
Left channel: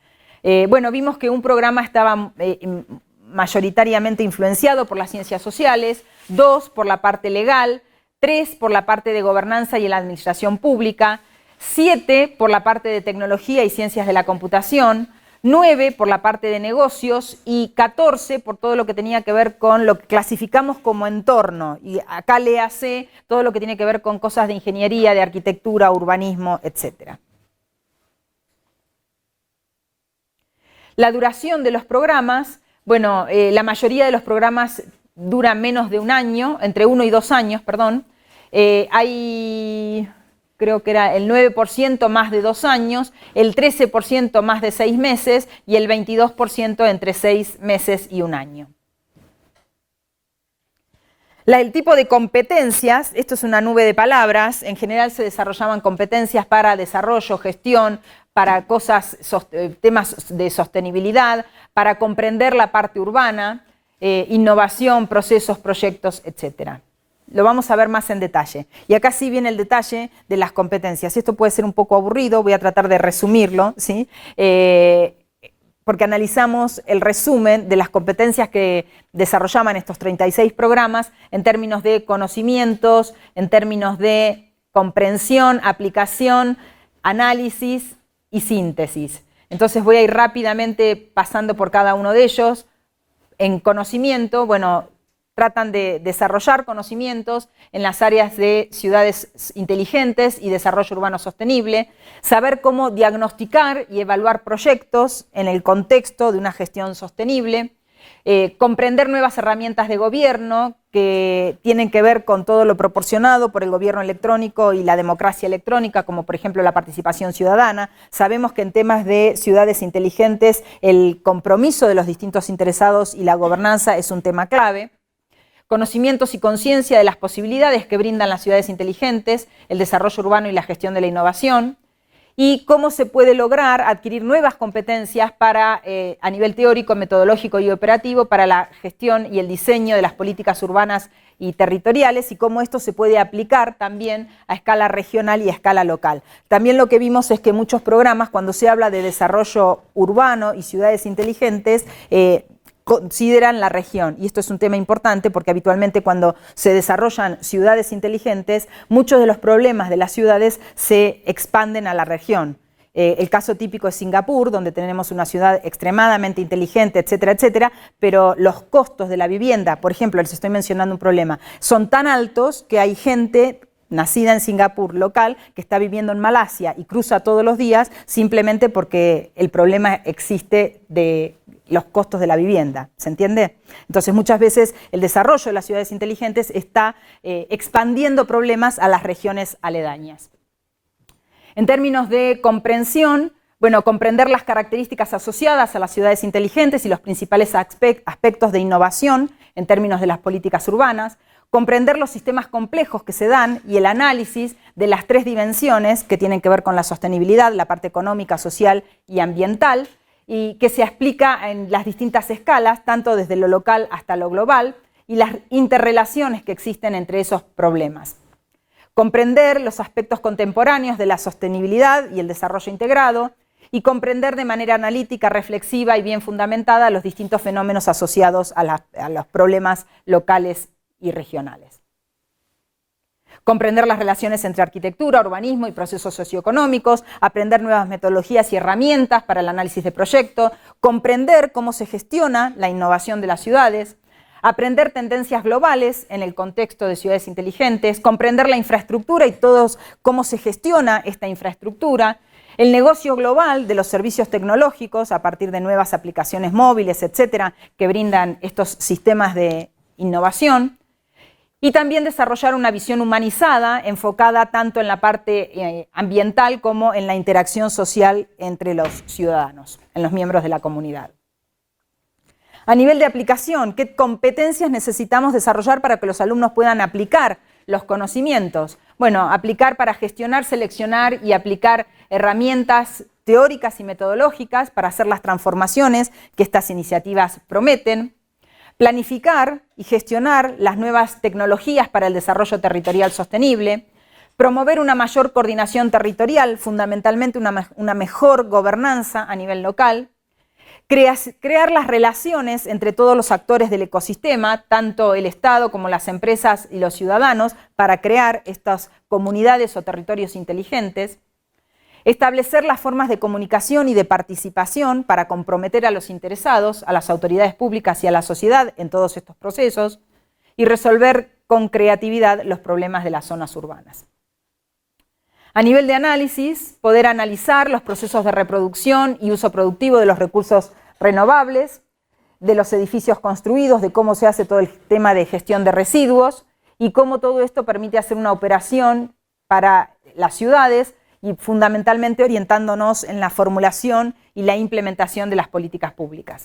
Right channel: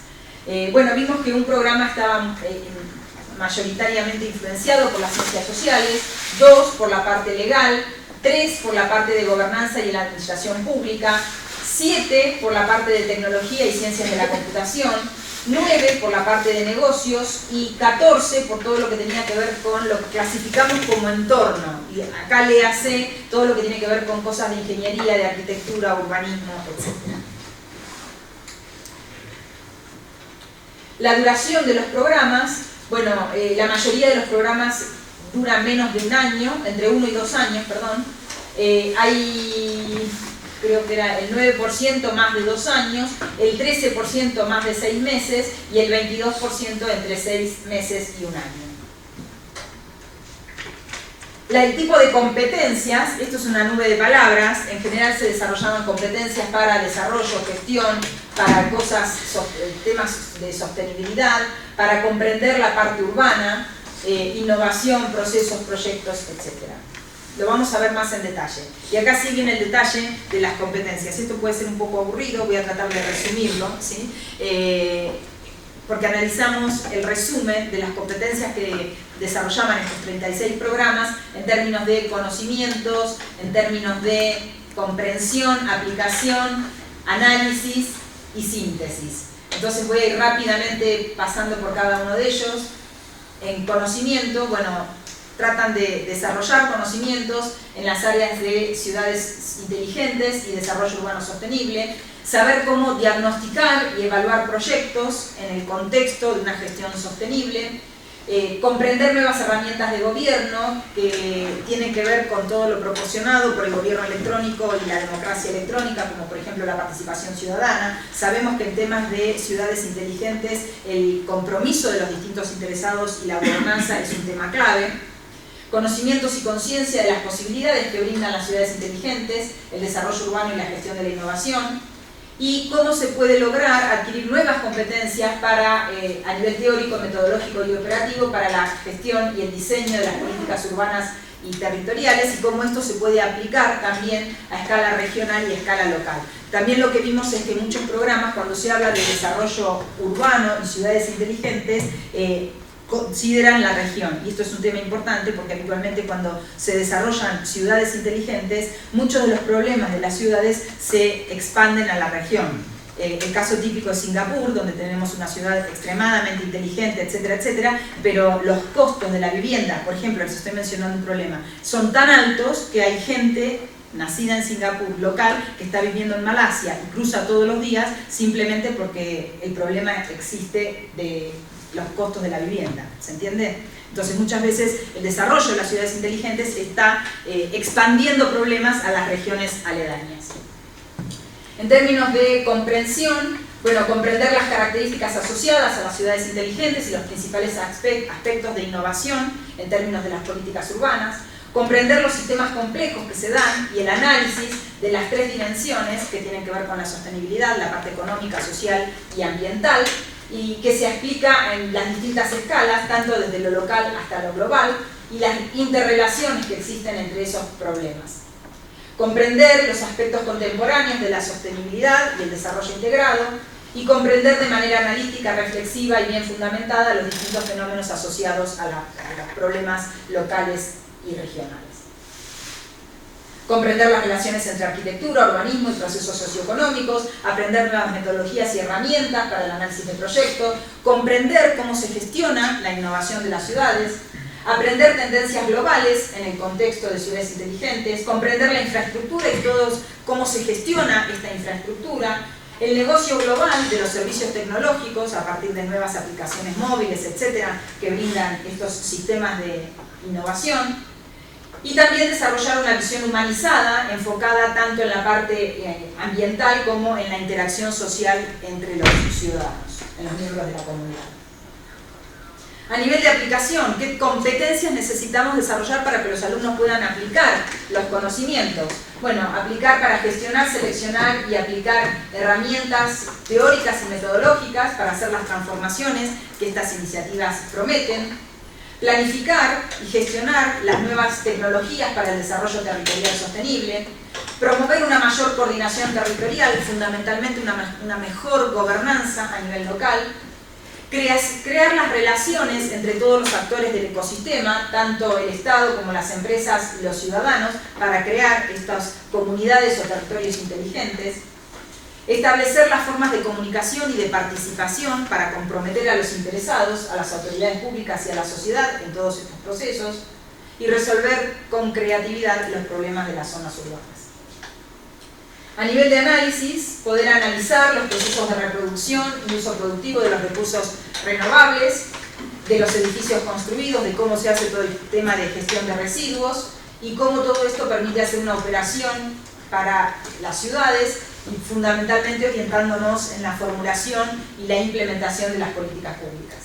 Bueno, vimos que un programa estaba mayoritariamente influenciado por las ciencias sociales, 2 por la parte legal, 3 por la parte de gobernanza y la administración pública, 7 por la parte de tecnología y ciencias de la computación, 9 por la parte de negocios y 14 por todo lo que tenía que ver con lo que clasificamos como entorno. Y acá le hace todo lo que tiene que ver con cosas de ingeniería, de arquitectura, urbanismo, etc. La duración de los programas, bueno, la mayoría de los programas dura menos de un año, entre 1 y 2 años, perdón. Hay, creo que era el 9% más de 2 años, el 13% más de 6 meses y el 22% entre 6 meses y 1 año. El tipo de competencias, esto es una nube de palabras, en general se desarrollaban competencias para desarrollo, gestión, para temas de sostenibilidad, para comprender la parte urbana, innovación, procesos, proyectos, etc. Lo vamos a ver más en detalle. Y acá sí viene el detalle de las competencias. Esto puede ser un poco aburrido, voy a tratar de resumirlo, ¿sí? porque analizamos el resumen de las competencias que desarrollaban estos 36 programas en términos de conocimientos, en términos de comprensión, aplicación, análisis y síntesis. Entonces voy a ir rápidamente pasando por cada uno de ellos. En conocimiento, bueno, tratan de desarrollar conocimientos en las áreas de ciudades inteligentes y desarrollo urbano sostenible, saber cómo diagnosticar y evaluar proyectos en el contexto de una gestión sostenible, comprender nuevas herramientas de gobierno que tienen que ver con todo lo proporcionado por el gobierno electrónico y la democracia electrónica, como por ejemplo la participación ciudadana. Sabemos que en temas de ciudades inteligentes el compromiso de los distintos interesados y la gobernanza es un tema clave. Conocimientos y conciencia de las posibilidades que brindan las ciudades inteligentes, el desarrollo urbano y la gestión de la innovación, y cómo se puede lograr adquirir nuevas competencias para, a nivel teórico, metodológico y operativo para la gestión y el diseño de las políticas urbanas y territoriales, y cómo esto se puede aplicar también a escala regional y a escala local. También lo que vimos es que muchos programas, cuando se habla de desarrollo urbano y ciudades inteligentes, consideran la región, y esto es un tema importante porque habitualmente cuando se desarrollan ciudades inteligentes, muchos de los problemas de las ciudades se expanden a la región. El caso típico es Singapur, donde tenemos una ciudad extremadamente inteligente, etcétera, etcétera, pero los costos de la vivienda, por ejemplo, les estoy mencionando un problema, son tan altos que hay gente nacida en Singapur, local, que está viviendo en Malasia y cruza todos los días simplemente porque el problema existe de los costos de la vivienda, ¿se entiende? Entonces muchas veces el desarrollo de las ciudades inteligentes está expandiendo problemas a las regiones aledañas. En términos de comprensión, bueno, comprender las características asociadas a las ciudades inteligentes y los principales aspectos de innovación en términos de las políticas urbanas, comprender los sistemas complejos que se dan y el análisis de las tres dimensiones que tienen que ver con la sostenibilidad, la parte económica, social y ambiental, y que se explica en las distintas escalas, tanto desde lo local hasta lo global, y las interrelaciones que existen entre esos problemas. Comprender los aspectos contemporáneos de la sostenibilidad y el desarrollo integrado, y comprender de manera analítica, reflexiva y bien fundamentada los distintos fenómenos asociados a los problemas locales y regionales. Comprender las relaciones entre arquitectura, urbanismo y procesos socioeconómicos, aprender nuevas metodologías y herramientas para el análisis de proyectos, comprender cómo se gestiona la innovación de las ciudades, aprender tendencias globales en el contexto de ciudades inteligentes, comprender la infraestructura y cómo se gestiona esta infraestructura, el negocio global de los servicios tecnológicos a partir de nuevas aplicaciones móviles, etcétera, que brindan estos sistemas de innovación, y también desarrollar una visión humanizada enfocada tanto en la parte ambiental como en la interacción social entre los ciudadanos, en los miembros de la comunidad. A nivel de aplicación, ¿qué competencias necesitamos desarrollar para que los alumnos puedan aplicar los conocimientos? Bueno, aplicar para gestionar, seleccionar y aplicar herramientas teóricas y metodológicas para hacer las transformaciones que estas iniciativas prometen. Planificar y gestionar las nuevas tecnologías para el desarrollo territorial sostenible, promover una mayor coordinación territorial, fundamentalmente una mejor gobernanza a nivel local, crear las relaciones entre todos los actores del ecosistema, tanto el Estado como las empresas y los ciudadanos, para crear estas comunidades o territorios inteligentes, establecer las formas de comunicación y de participación para comprometer a los interesados, a las autoridades públicas y a la sociedad en todos estos procesos, y resolver con creatividad los problemas de las zonas urbanas. A nivel de análisis, poder analizar los procesos de reproducción y uso productivo de los recursos renovables, de los edificios construidos, de cómo se hace todo el tema de gestión de residuos y cómo todo esto permite hacer una operación para las ciudades y fundamentalmente orientándonos en la formulación y la implementación de las políticas públicas.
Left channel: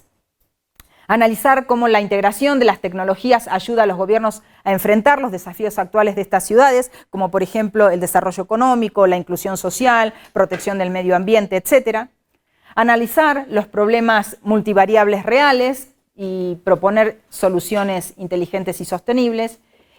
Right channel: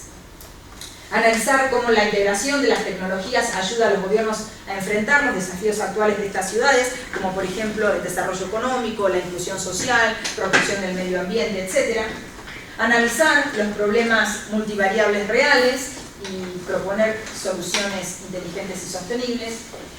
Analizar cómo la integración de las tecnologías ayuda a los gobiernos a enfrentar los desafíos actuales de estas ciudades, como por ejemplo el desarrollo económico, la inclusión social, protección del medio ambiente, etc. Analizar los problemas multivariables reales y proponer soluciones inteligentes y sostenibles.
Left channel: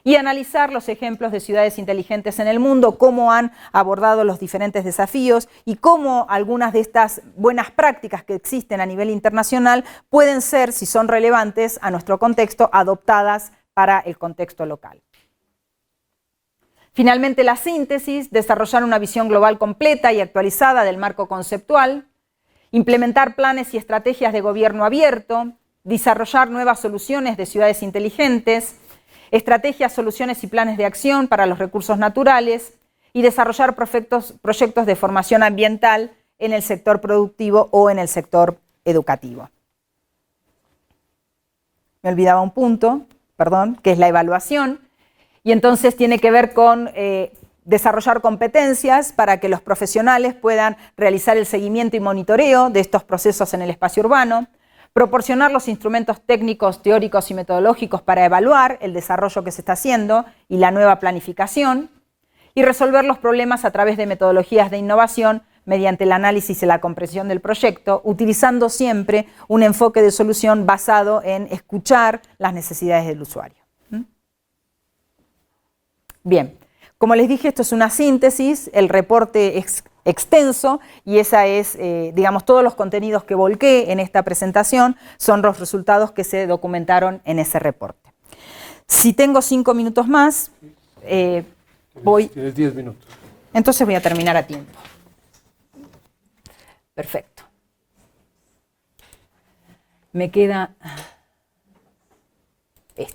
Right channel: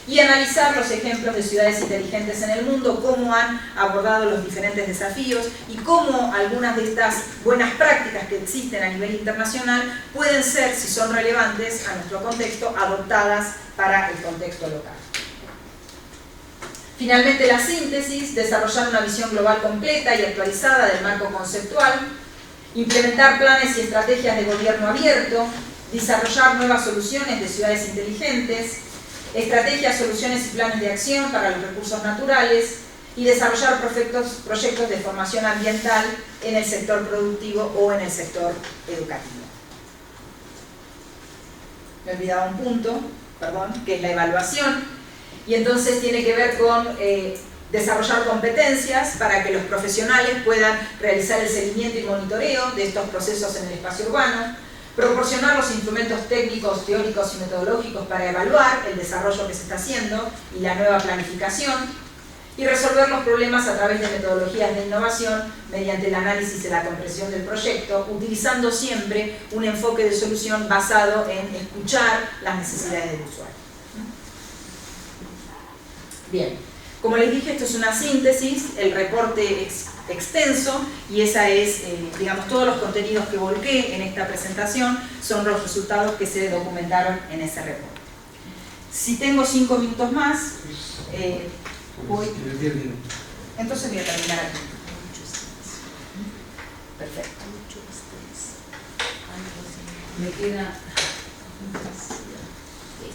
y analizar los ejemplos de ciudades inteligentes en el mundo, cómo han abordado los diferentes desafíos y cómo algunas de estas buenas prácticas que existen a nivel internacional pueden ser, si son relevantes a nuestro contexto, adoptadas para el contexto local. Finalmente, la síntesis: desarrollar una visión global completa y actualizada del marco conceptual, implementar planes y estrategias de gobierno abierto, desarrollar nuevas soluciones de ciudades inteligentes, estrategias, soluciones y planes de acción para los recursos naturales y desarrollar proyectos de formación ambiental en el sector productivo o en el sector educativo. Me olvidaba un punto, perdón, que es la evaluación, y entonces tiene que ver con desarrollar competencias para que los profesionales puedan realizar el seguimiento y monitoreo de estos procesos en el espacio urbano, proporcionar los instrumentos técnicos, teóricos y metodológicos para evaluar el desarrollo que se está haciendo y la nueva planificación, y resolver los problemas a través de metodologías de innovación mediante el análisis y la comprensión del proyecto, utilizando siempre un enfoque de solución basado en escuchar las necesidades del usuario. Bien, como les dije, esto es una síntesis, el reporte es extenso y esa es, digamos, todos los contenidos que volqué en esta presentación son los resultados que se documentaron en ese reporte. Si tengo 5 minutos más, voy... Tienes 10 minutos. Entonces voy a terminar aquí. Perfecto. Me queda... esto.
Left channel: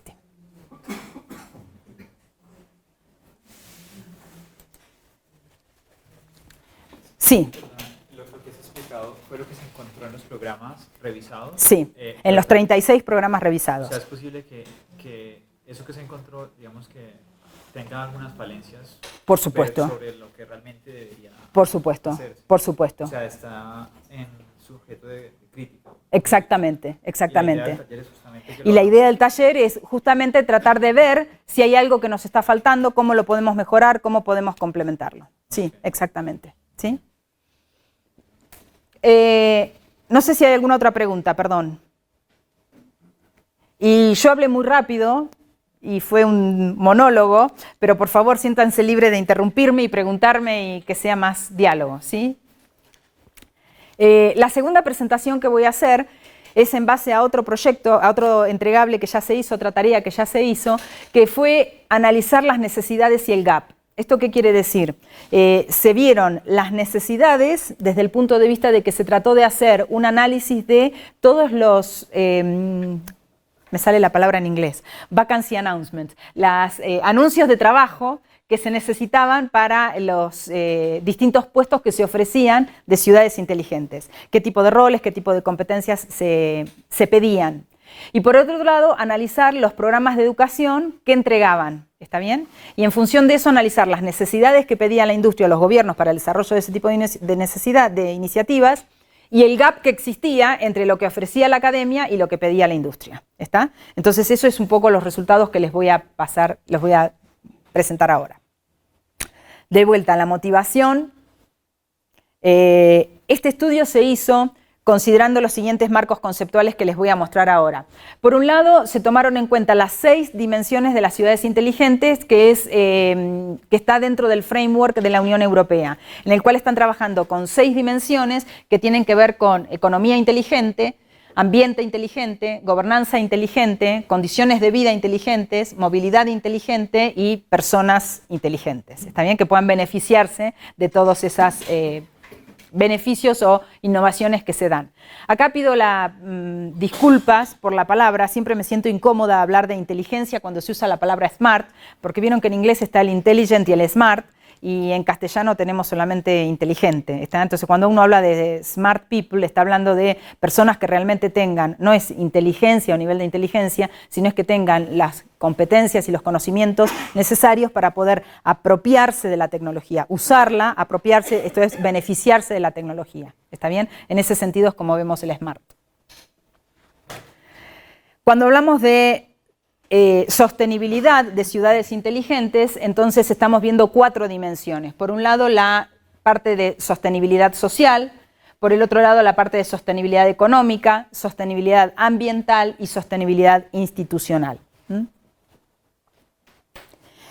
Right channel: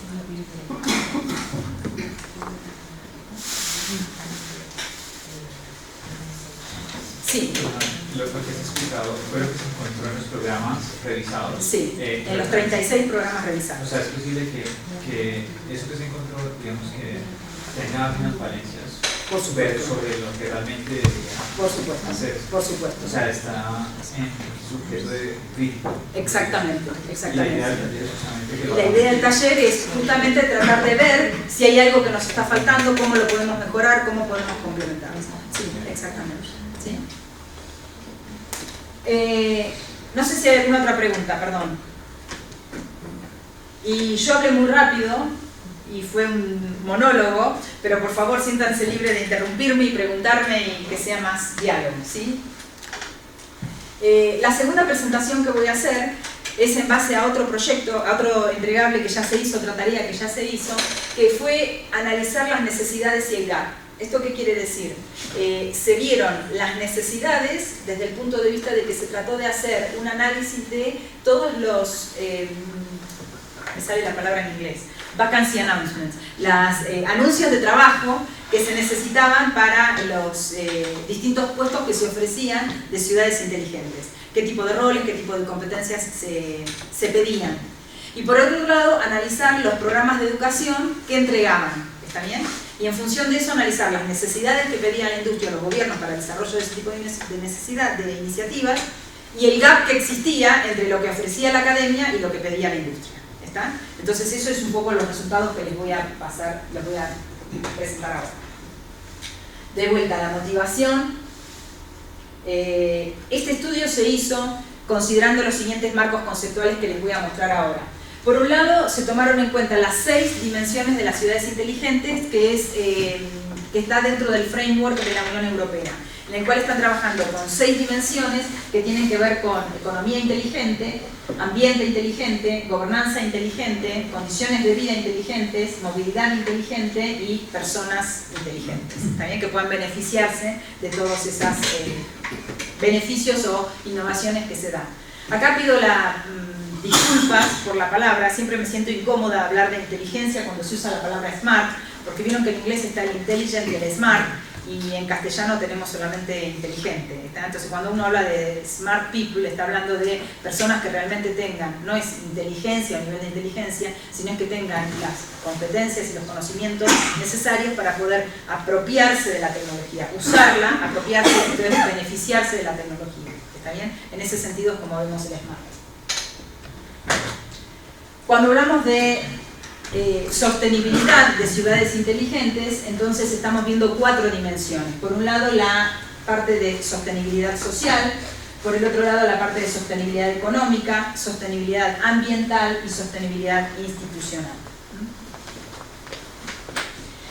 Sí. Lo que has explicado fue lo que se encontró en los programas revisados. Sí, en los 36 programas revisados. O sea, es posible que eso que se encontró, digamos, que tenga unas valencias. Por supuesto. Sobre lo que realmente debería. Por supuesto, por supuesto. O sea, está en sujeto de crítico. Exactamente, exactamente. Y la idea del taller es justamente tratar de ver si hay algo que nos está faltando, cómo lo podemos mejorar, cómo podemos complementarlo. Sí, exactamente. ¿Sí? No sé si hay alguna otra pregunta, perdón. Y yo hablé muy rápido y fue un monólogo, pero por favor siéntanse libres de interrumpirme y preguntarme y que sea más diálogo, ¿sí? La segunda presentación que voy a hacer es en base a otro proyecto, a otro entregable que ya se hizo, otra tarea que ya se hizo, que fue analizar las necesidades y el gap. ¿Esto qué quiere decir? Se vieron las necesidades desde el punto de vista de que se trató de hacer un análisis de todos los, me sale la palabra en inglés, vacancy announcements, los anuncios de trabajo que se necesitaban para los distintos puestos que se ofrecían de ciudades inteligentes. Qué tipo de roles, qué tipo de competencias se pedían. Y por otro lado, analizar los programas de educación que entregaban. ¿Está bien? Y en función de eso analizar las necesidades que pedía la industria o los gobiernos para el desarrollo de ese tipo de iniciativas y el gap que existía entre lo que ofrecía la academia y lo que pedía la industria. ¿Está? Entonces eso es un poco los resultados que les voy a pasar, los voy a presentar ahora. De vuelta a la motivación. Este estudio se hizo considerando los siguientes marcos conceptuales que les voy a mostrar ahora. Por un lado, se tomaron en cuenta las 6 dimensiones de las ciudades inteligentes, que está dentro del framework de la Unión Europea, en el cual están trabajando con 6 dimensiones que tienen que ver con economía inteligente, ambiente inteligente, gobernanza inteligente, condiciones de vida inteligentes, movilidad inteligente y personas inteligentes. También que puedan beneficiarse de todos esos beneficios o innovaciones que se dan. Acá pido disculpas por la palabra, siempre me siento incómoda hablar de inteligencia cuando se usa la palabra smart, porque vieron que en inglés está el intelligent y el smart, y en castellano tenemos solamente inteligente. Entonces cuando uno habla de smart people, está hablando de personas que realmente tengan, no es inteligencia o nivel de inteligencia, sino es que tengan las competencias y los conocimientos necesarios para poder apropiarse de la tecnología, usarla, apropiarse, entonces beneficiarse de la tecnología. ¿Está bien? En ese sentido es como vemos el smart. Cuando hablamos de sostenibilidad de ciudades inteligentes, entonces estamos viendo 4 dimensiones. Por un lado, la parte de sostenibilidad social, por el otro lado, la parte de sostenibilidad económica, sostenibilidad ambiental y sostenibilidad institucional.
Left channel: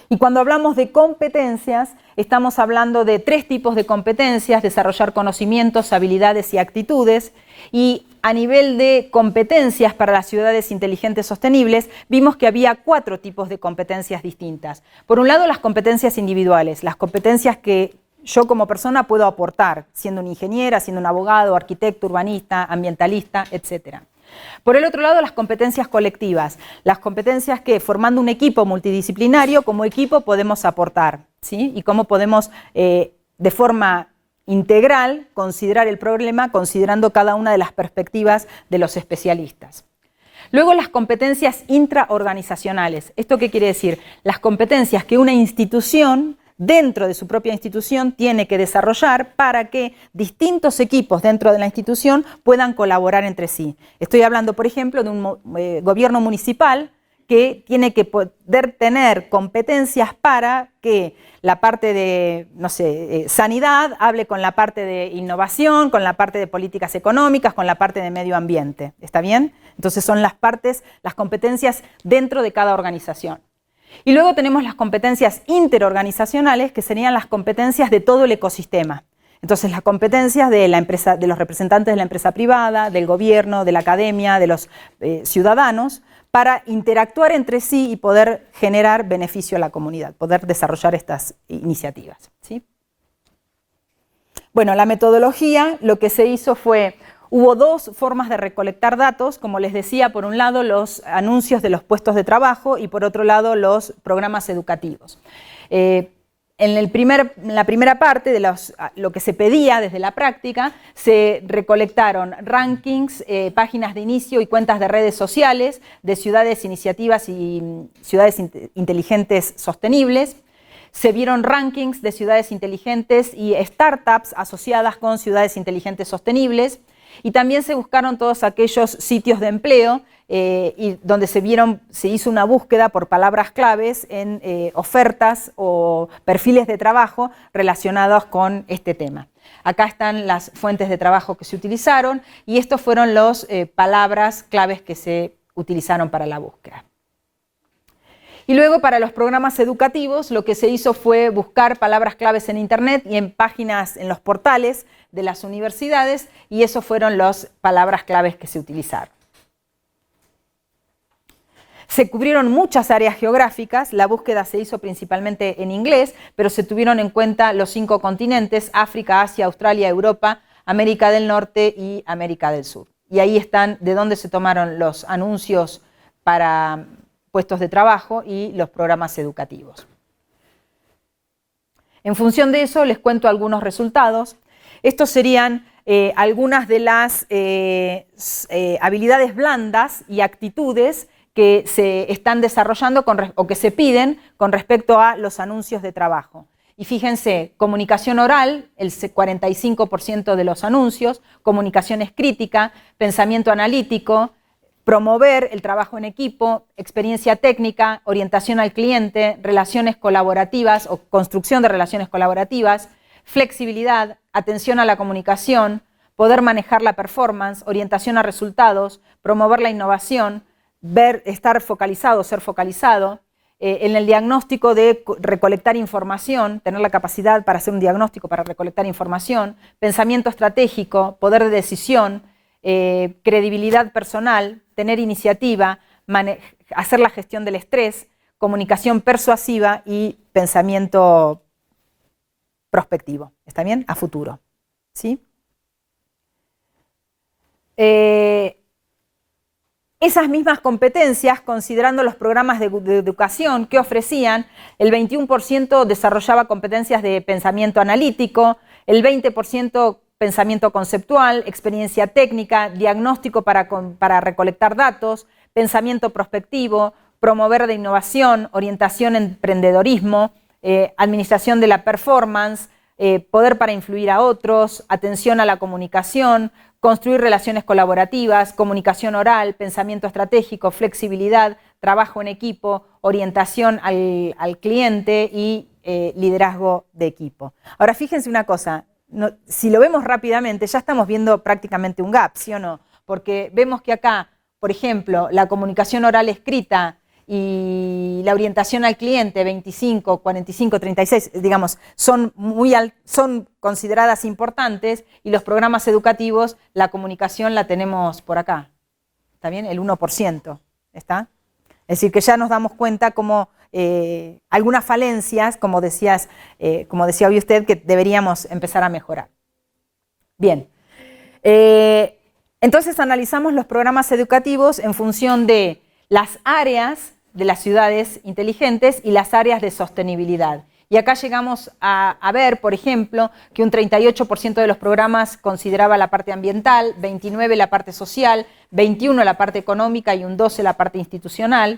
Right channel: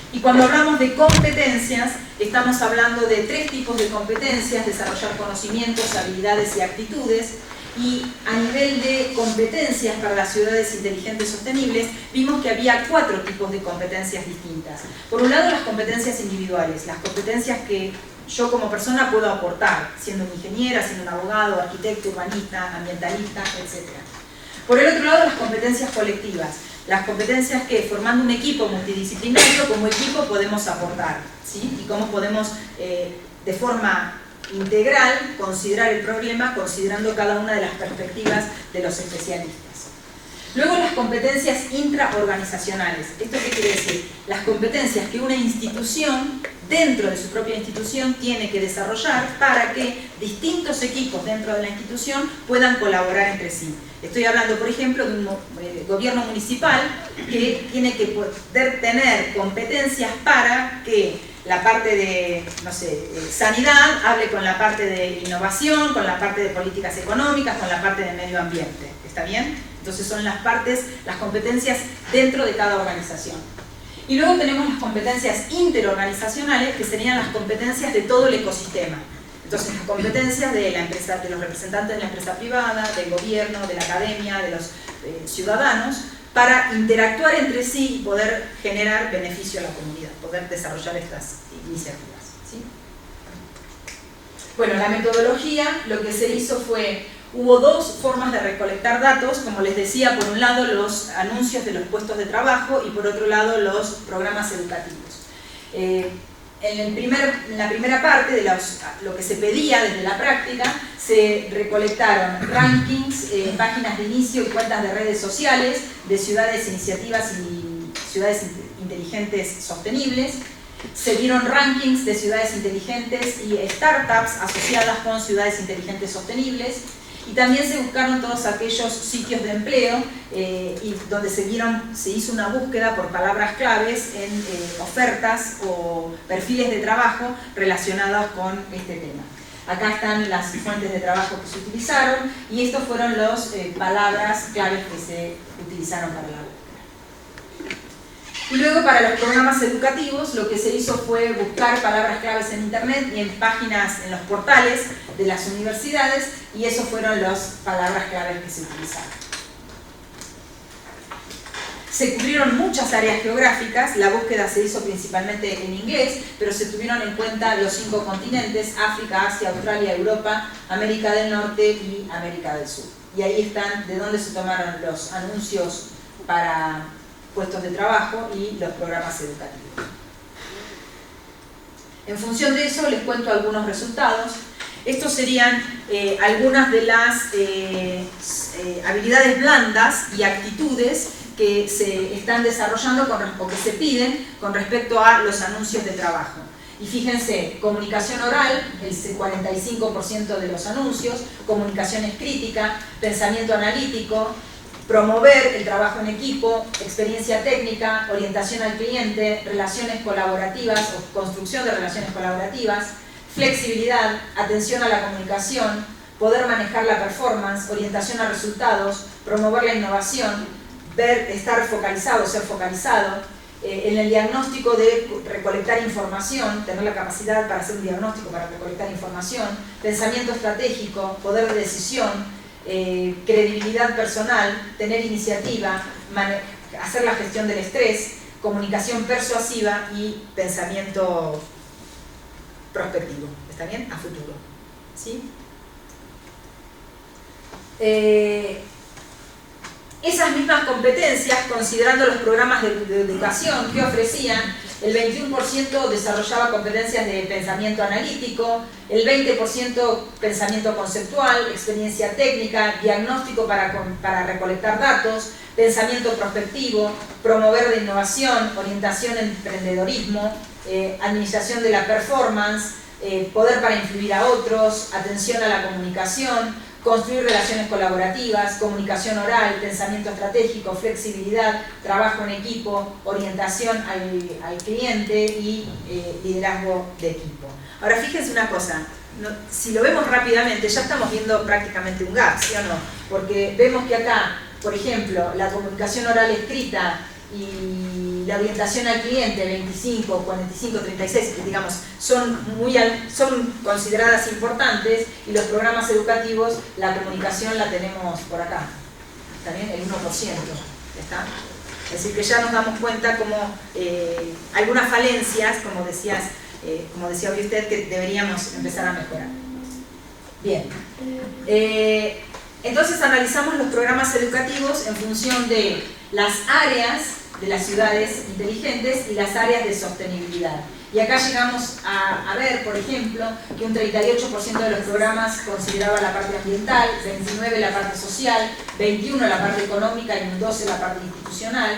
Y cuando hablamos de competencias, estamos hablando de 3 tipos de competencias: desarrollar conocimientos, habilidades y actitudes. Y a nivel de competencias para las ciudades inteligentes sostenibles, vimos que había 4 tipos de competencias distintas. Por un lado, las competencias individuales, las competencias que yo como persona puedo aportar, siendo una ingeniera, siendo un abogado, arquitecto, urbanista, ambientalista, etc. Por el otro lado, las competencias colectivas, las competencias que, formando un equipo multidisciplinario, como equipo podemos aportar, ¿sí? Y cómo podemos, de forma integral, considerar el problema, considerando cada una de las perspectivas de los especialistas. Luego, las competencias intraorganizacionales. ¿Esto qué quiere decir? Las competencias que una institución, dentro de su propia institución, tiene que desarrollar para que distintos equipos dentro de la institución puedan colaborar entre sí. Estoy hablando, por ejemplo, de un gobierno municipal que tiene que poder tener competencias para que la parte de, no sé, sanidad hable con la parte de innovación, con la parte de políticas económicas, con la parte de medio ambiente. ¿Está bien? Entonces son las partes, las competencias dentro de cada organización. Y luego tenemos las competencias interorganizacionales, que serían las competencias de todo el ecosistema. Entonces, las competencias de la empresa, de los representantes de la empresa privada, del gobierno, de la academia, de los ciudadanos, para interactuar entre sí y poder generar beneficio a la comunidad, poder desarrollar estas iniciativas, ¿sí? Bueno, la metodología, lo que se hizo fue, hubo 2 formas de recolectar datos, como les decía, por un lado los anuncios de los puestos de trabajo y por otro lado los programas educativos. En la primera parte de lo que se pedía desde la práctica, se recolectaron rankings, páginas de inicio y cuentas de redes sociales de ciudades, iniciativas y ciudades inteligentes sostenibles. Se dieron rankings de ciudades inteligentes y startups asociadas con ciudades inteligentes sostenibles. Y también se buscaron todos aquellos sitios de empleo y donde se hizo una búsqueda por palabras claves en ofertas o perfiles de trabajo relacionados con este tema. Acá están las fuentes de trabajo que se utilizaron y estos fueron las palabras claves que se utilizaron para la búsqueda. Y luego, para los programas educativos, lo que se hizo fue buscar palabras claves en internet y en páginas, en los portales de las universidades, y esas fueron las palabras claves que se utilizaron. Se cubrieron muchas áreas geográficas, la búsqueda se hizo principalmente en inglés, pero se tuvieron en cuenta los 5 continentes: África, Asia, Australia, Europa, América del Norte y América del Sur. Y ahí están de dónde se tomaron los anuncios para puestos de trabajo y los programas educativos. En función de eso, les cuento algunos resultados. Estos serían algunas de las habilidades blandas y actitudes que se están desarrollando o que se piden con respecto a los anuncios de trabajo. Y fíjense, comunicación oral, el 45% de los anuncios, comunicación escrítica, pensamiento analítico, promover el trabajo en equipo, experiencia técnica, orientación al cliente, relaciones colaborativas o construcción de relaciones colaborativas, flexibilidad, atención a la comunicación, poder manejar la performance, orientación a resultados, promover la innovación, estar focalizado, ser focalizado, en el diagnóstico de recolectar información, tener la capacidad para hacer un diagnóstico, para recolectar información, pensamiento estratégico, poder de decisión, credibilidad personal, tener iniciativa, hacer la gestión del estrés, comunicación persuasiva y pensamiento prospectivo. ¿Está bien? A futuro. ¿Sí? Esas mismas competencias, considerando los programas de educación que ofrecían, el 21% desarrollaba competencias de pensamiento analítico, el 20% pensamiento conceptual, experiencia técnica, diagnóstico para recolectar datos, pensamiento prospectivo, promover la innovación, orientación en emprendedorismo, administración de la performance, poder para influir a otros, atención a la comunicación, construir relaciones colaborativas, comunicación oral, pensamiento estratégico, flexibilidad, trabajo en equipo, orientación al cliente y liderazgo de equipo. Ahora fíjense una cosa, si lo vemos rápidamente ya estamos viendo prácticamente un gap, ¿sí o no? Porque vemos que acá, por ejemplo, la comunicación oral escrita y la orientación al cliente 25, 45, 36, digamos, son consideradas importantes, y los programas educativos, la comunicación la tenemos por acá, ¿está bien? El 1%, ¿está? Es decir, que ya nos damos cuenta como algunas falencias, como decía hoy usted, que deberíamos empezar a mejorar. Bien. Entonces analizamos los programas educativos en función de las áreas de las ciudades inteligentes y las áreas de sostenibilidad. Y acá llegamos a ver, por ejemplo, que un 38% de los programas consideraba la parte ambiental, 29% la parte social, 21% la parte económica y un 12% la parte institucional.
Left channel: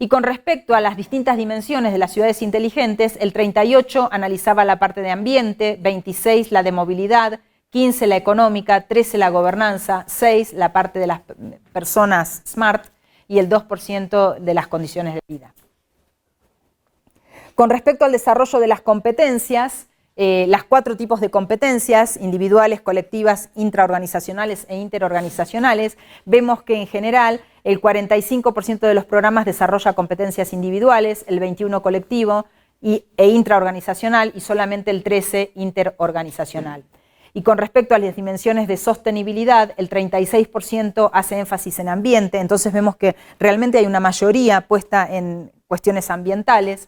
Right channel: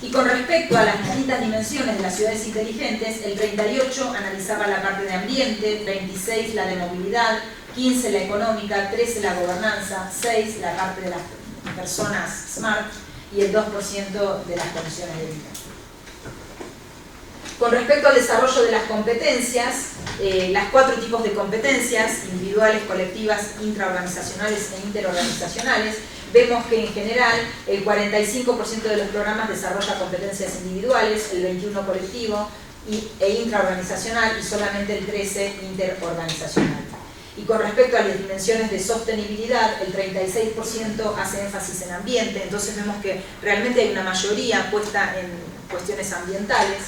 Y con respecto a las distintas dimensiones de las ciudades inteligentes, el 38% analizaba la parte de ambiente, 26% la de movilidad, 15% la económica, 13% la gobernanza, 6% la parte de las personas smart y el 2% de las condiciones de vida. Con respecto al desarrollo de las competencias, las 4 tipos de competencias, individuales, colectivas, intraorganizacionales e interorganizacionales, vemos que en general el 45% de los programas desarrolla competencias individuales, el 21% colectivo e intraorganizacional y solamente el 13% interorganizacional. Y con respecto a las dimensiones de sostenibilidad, el 36% hace énfasis en ambiente, entonces vemos que realmente hay una mayoría puesta en cuestiones ambientales,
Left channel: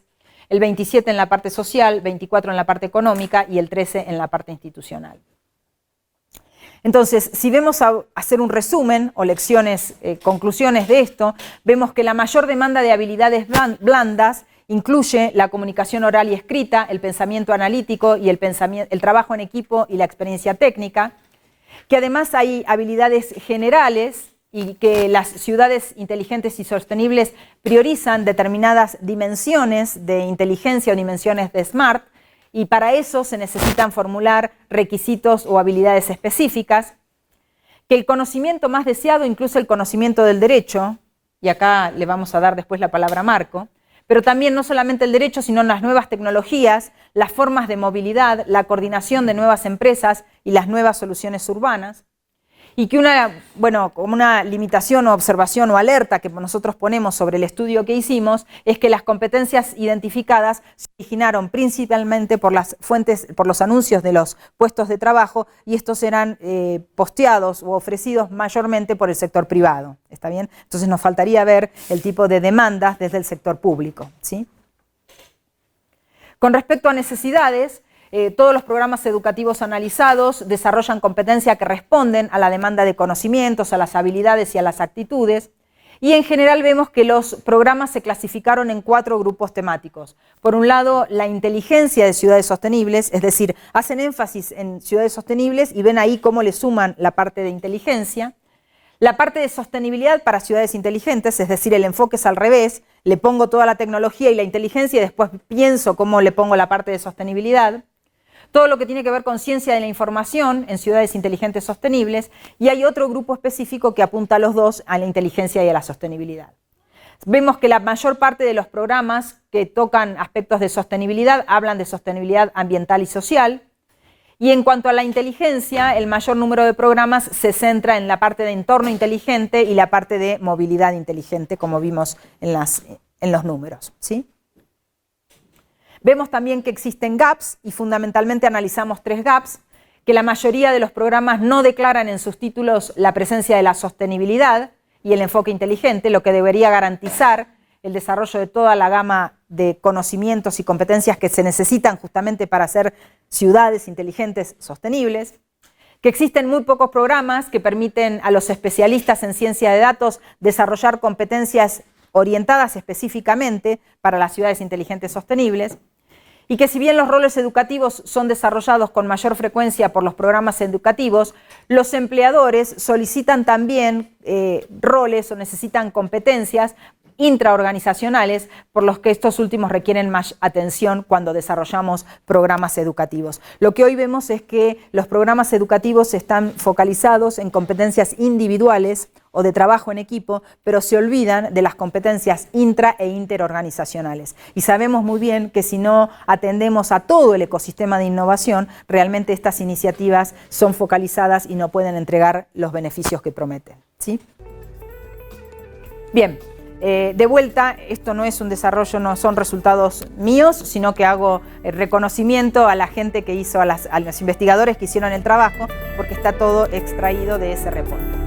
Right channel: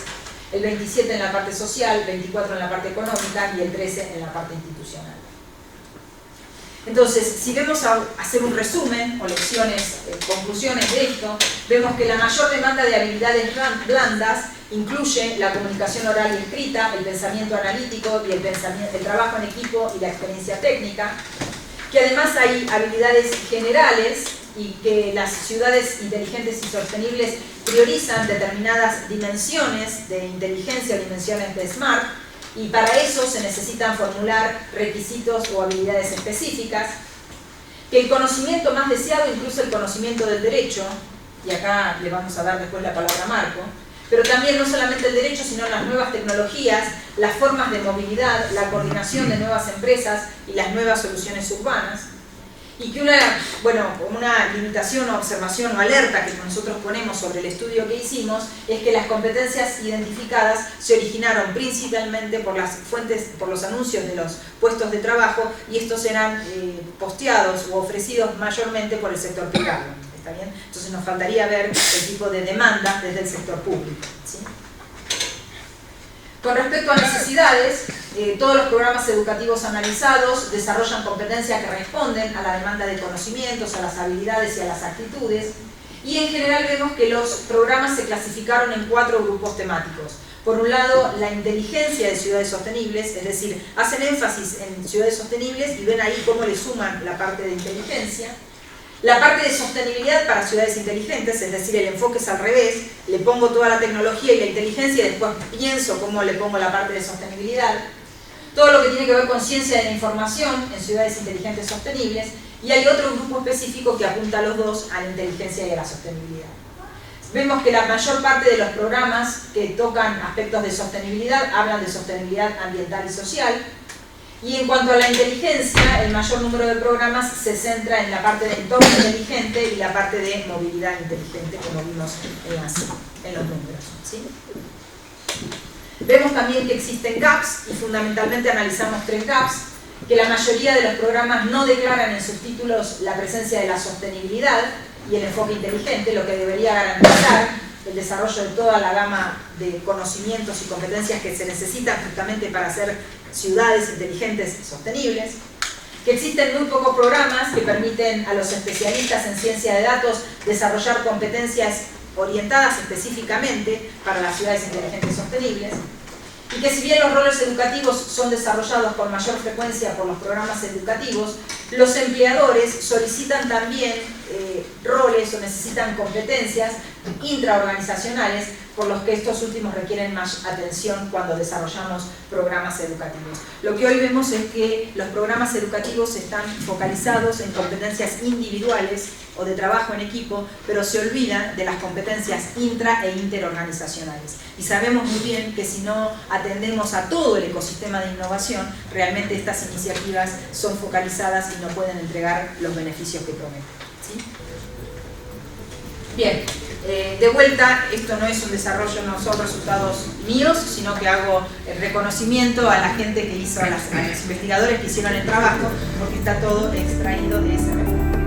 el 27% en la parte social, 24% en la parte económica y el 13% en la parte institucional. Entonces, si vemos a hacer un resumen o conclusiones de esto, vemos que la mayor demanda de habilidades blandas incluye la comunicación oral y escrita, el pensamiento analítico y el trabajo en equipo y la experiencia técnica, que además hay habilidades generales y que las ciudades inteligentes y sostenibles priorizan determinadas dimensiones de inteligencia o dimensiones de SMART, y para eso se necesitan formular requisitos o habilidades específicas, que el conocimiento más deseado incluye el conocimiento del derecho, y acá le vamos a dar después la palabra a Marco, pero también no solamente el derecho, sino las nuevas tecnologías, las formas de movilidad, la coordinación de nuevas empresas y las nuevas soluciones urbanas. Y que una limitación o observación o alerta que nosotros ponemos sobre el estudio que hicimos es que las competencias identificadas se originaron principalmente por los anuncios de los puestos de trabajo, y estos eran posteados o ofrecidos mayormente por el sector privado. ¿Está bien? Entonces nos faltaría ver el tipo de demanda desde el sector público, ¿sí? Con respecto a necesidades, todos los programas educativos analizados desarrollan competencias que responden a la demanda de conocimientos, a las habilidades y a las actitudes, y en general vemos que los programas se clasificaron en 4 grupos temáticos. Por un lado, la inteligencia de ciudades sostenibles, es decir, hacen énfasis en ciudades sostenibles y ven ahí cómo le suman la parte de inteligencia. La parte de sostenibilidad para ciudades inteligentes, es decir, el enfoque es al revés, le pongo toda la tecnología y la inteligencia y después pienso cómo le pongo la parte de sostenibilidad. Todo lo que tiene que ver con ciencia de la información en ciudades inteligentes sostenibles, y hay otro grupo específico que apunta a los dos, a la inteligencia y a la sostenibilidad. Vemos que la mayor parte de los programas que tocan aspectos de sostenibilidad hablan de sostenibilidad ambiental y social. Y en cuanto a la inteligencia, el mayor número de programas se centra en la parte de entorno inteligente y la parte de movilidad inteligente, como vimos en los números, ¿sí? Vemos también que existen gaps, y fundamentalmente analizamos 3 gaps, que la mayoría de los programas no declaran en sus títulos la presencia de la sostenibilidad y el enfoque inteligente, lo que debería garantizar el desarrollo de toda la gama de conocimientos y competencias que se necesitan justamente para hacer ciudades inteligentes sostenibles, que existen muy pocos programas que permiten a los especialistas en ciencia de datos desarrollar competencias orientadas específicamente para las ciudades inteligentes sostenibles, y que si bien los roles educativos son desarrollados con mayor frecuencia por los programas educativos, los empleadores solicitan también roles o necesitan competencias intraorganizacionales, por los que estos últimos requieren más atención cuando desarrollamos programas educativos. Lo que hoy vemos es que los programas educativos están focalizados en competencias individuales o de trabajo en equipo, pero se olvidan de las competencias intra e interorganizacionales. Y sabemos muy bien que si no atendemos a todo el ecosistema de innovación, realmente estas iniciativas son focalizadas y no pueden entregar los beneficios que prometen, ¿sí? Bien. De vuelta, esto no es un desarrollo, no son resultados míos, sino que hago el reconocimiento a la gente que hizo, a los investigadores que hicieron el trabajo, porque está todo extraído de ese reporte.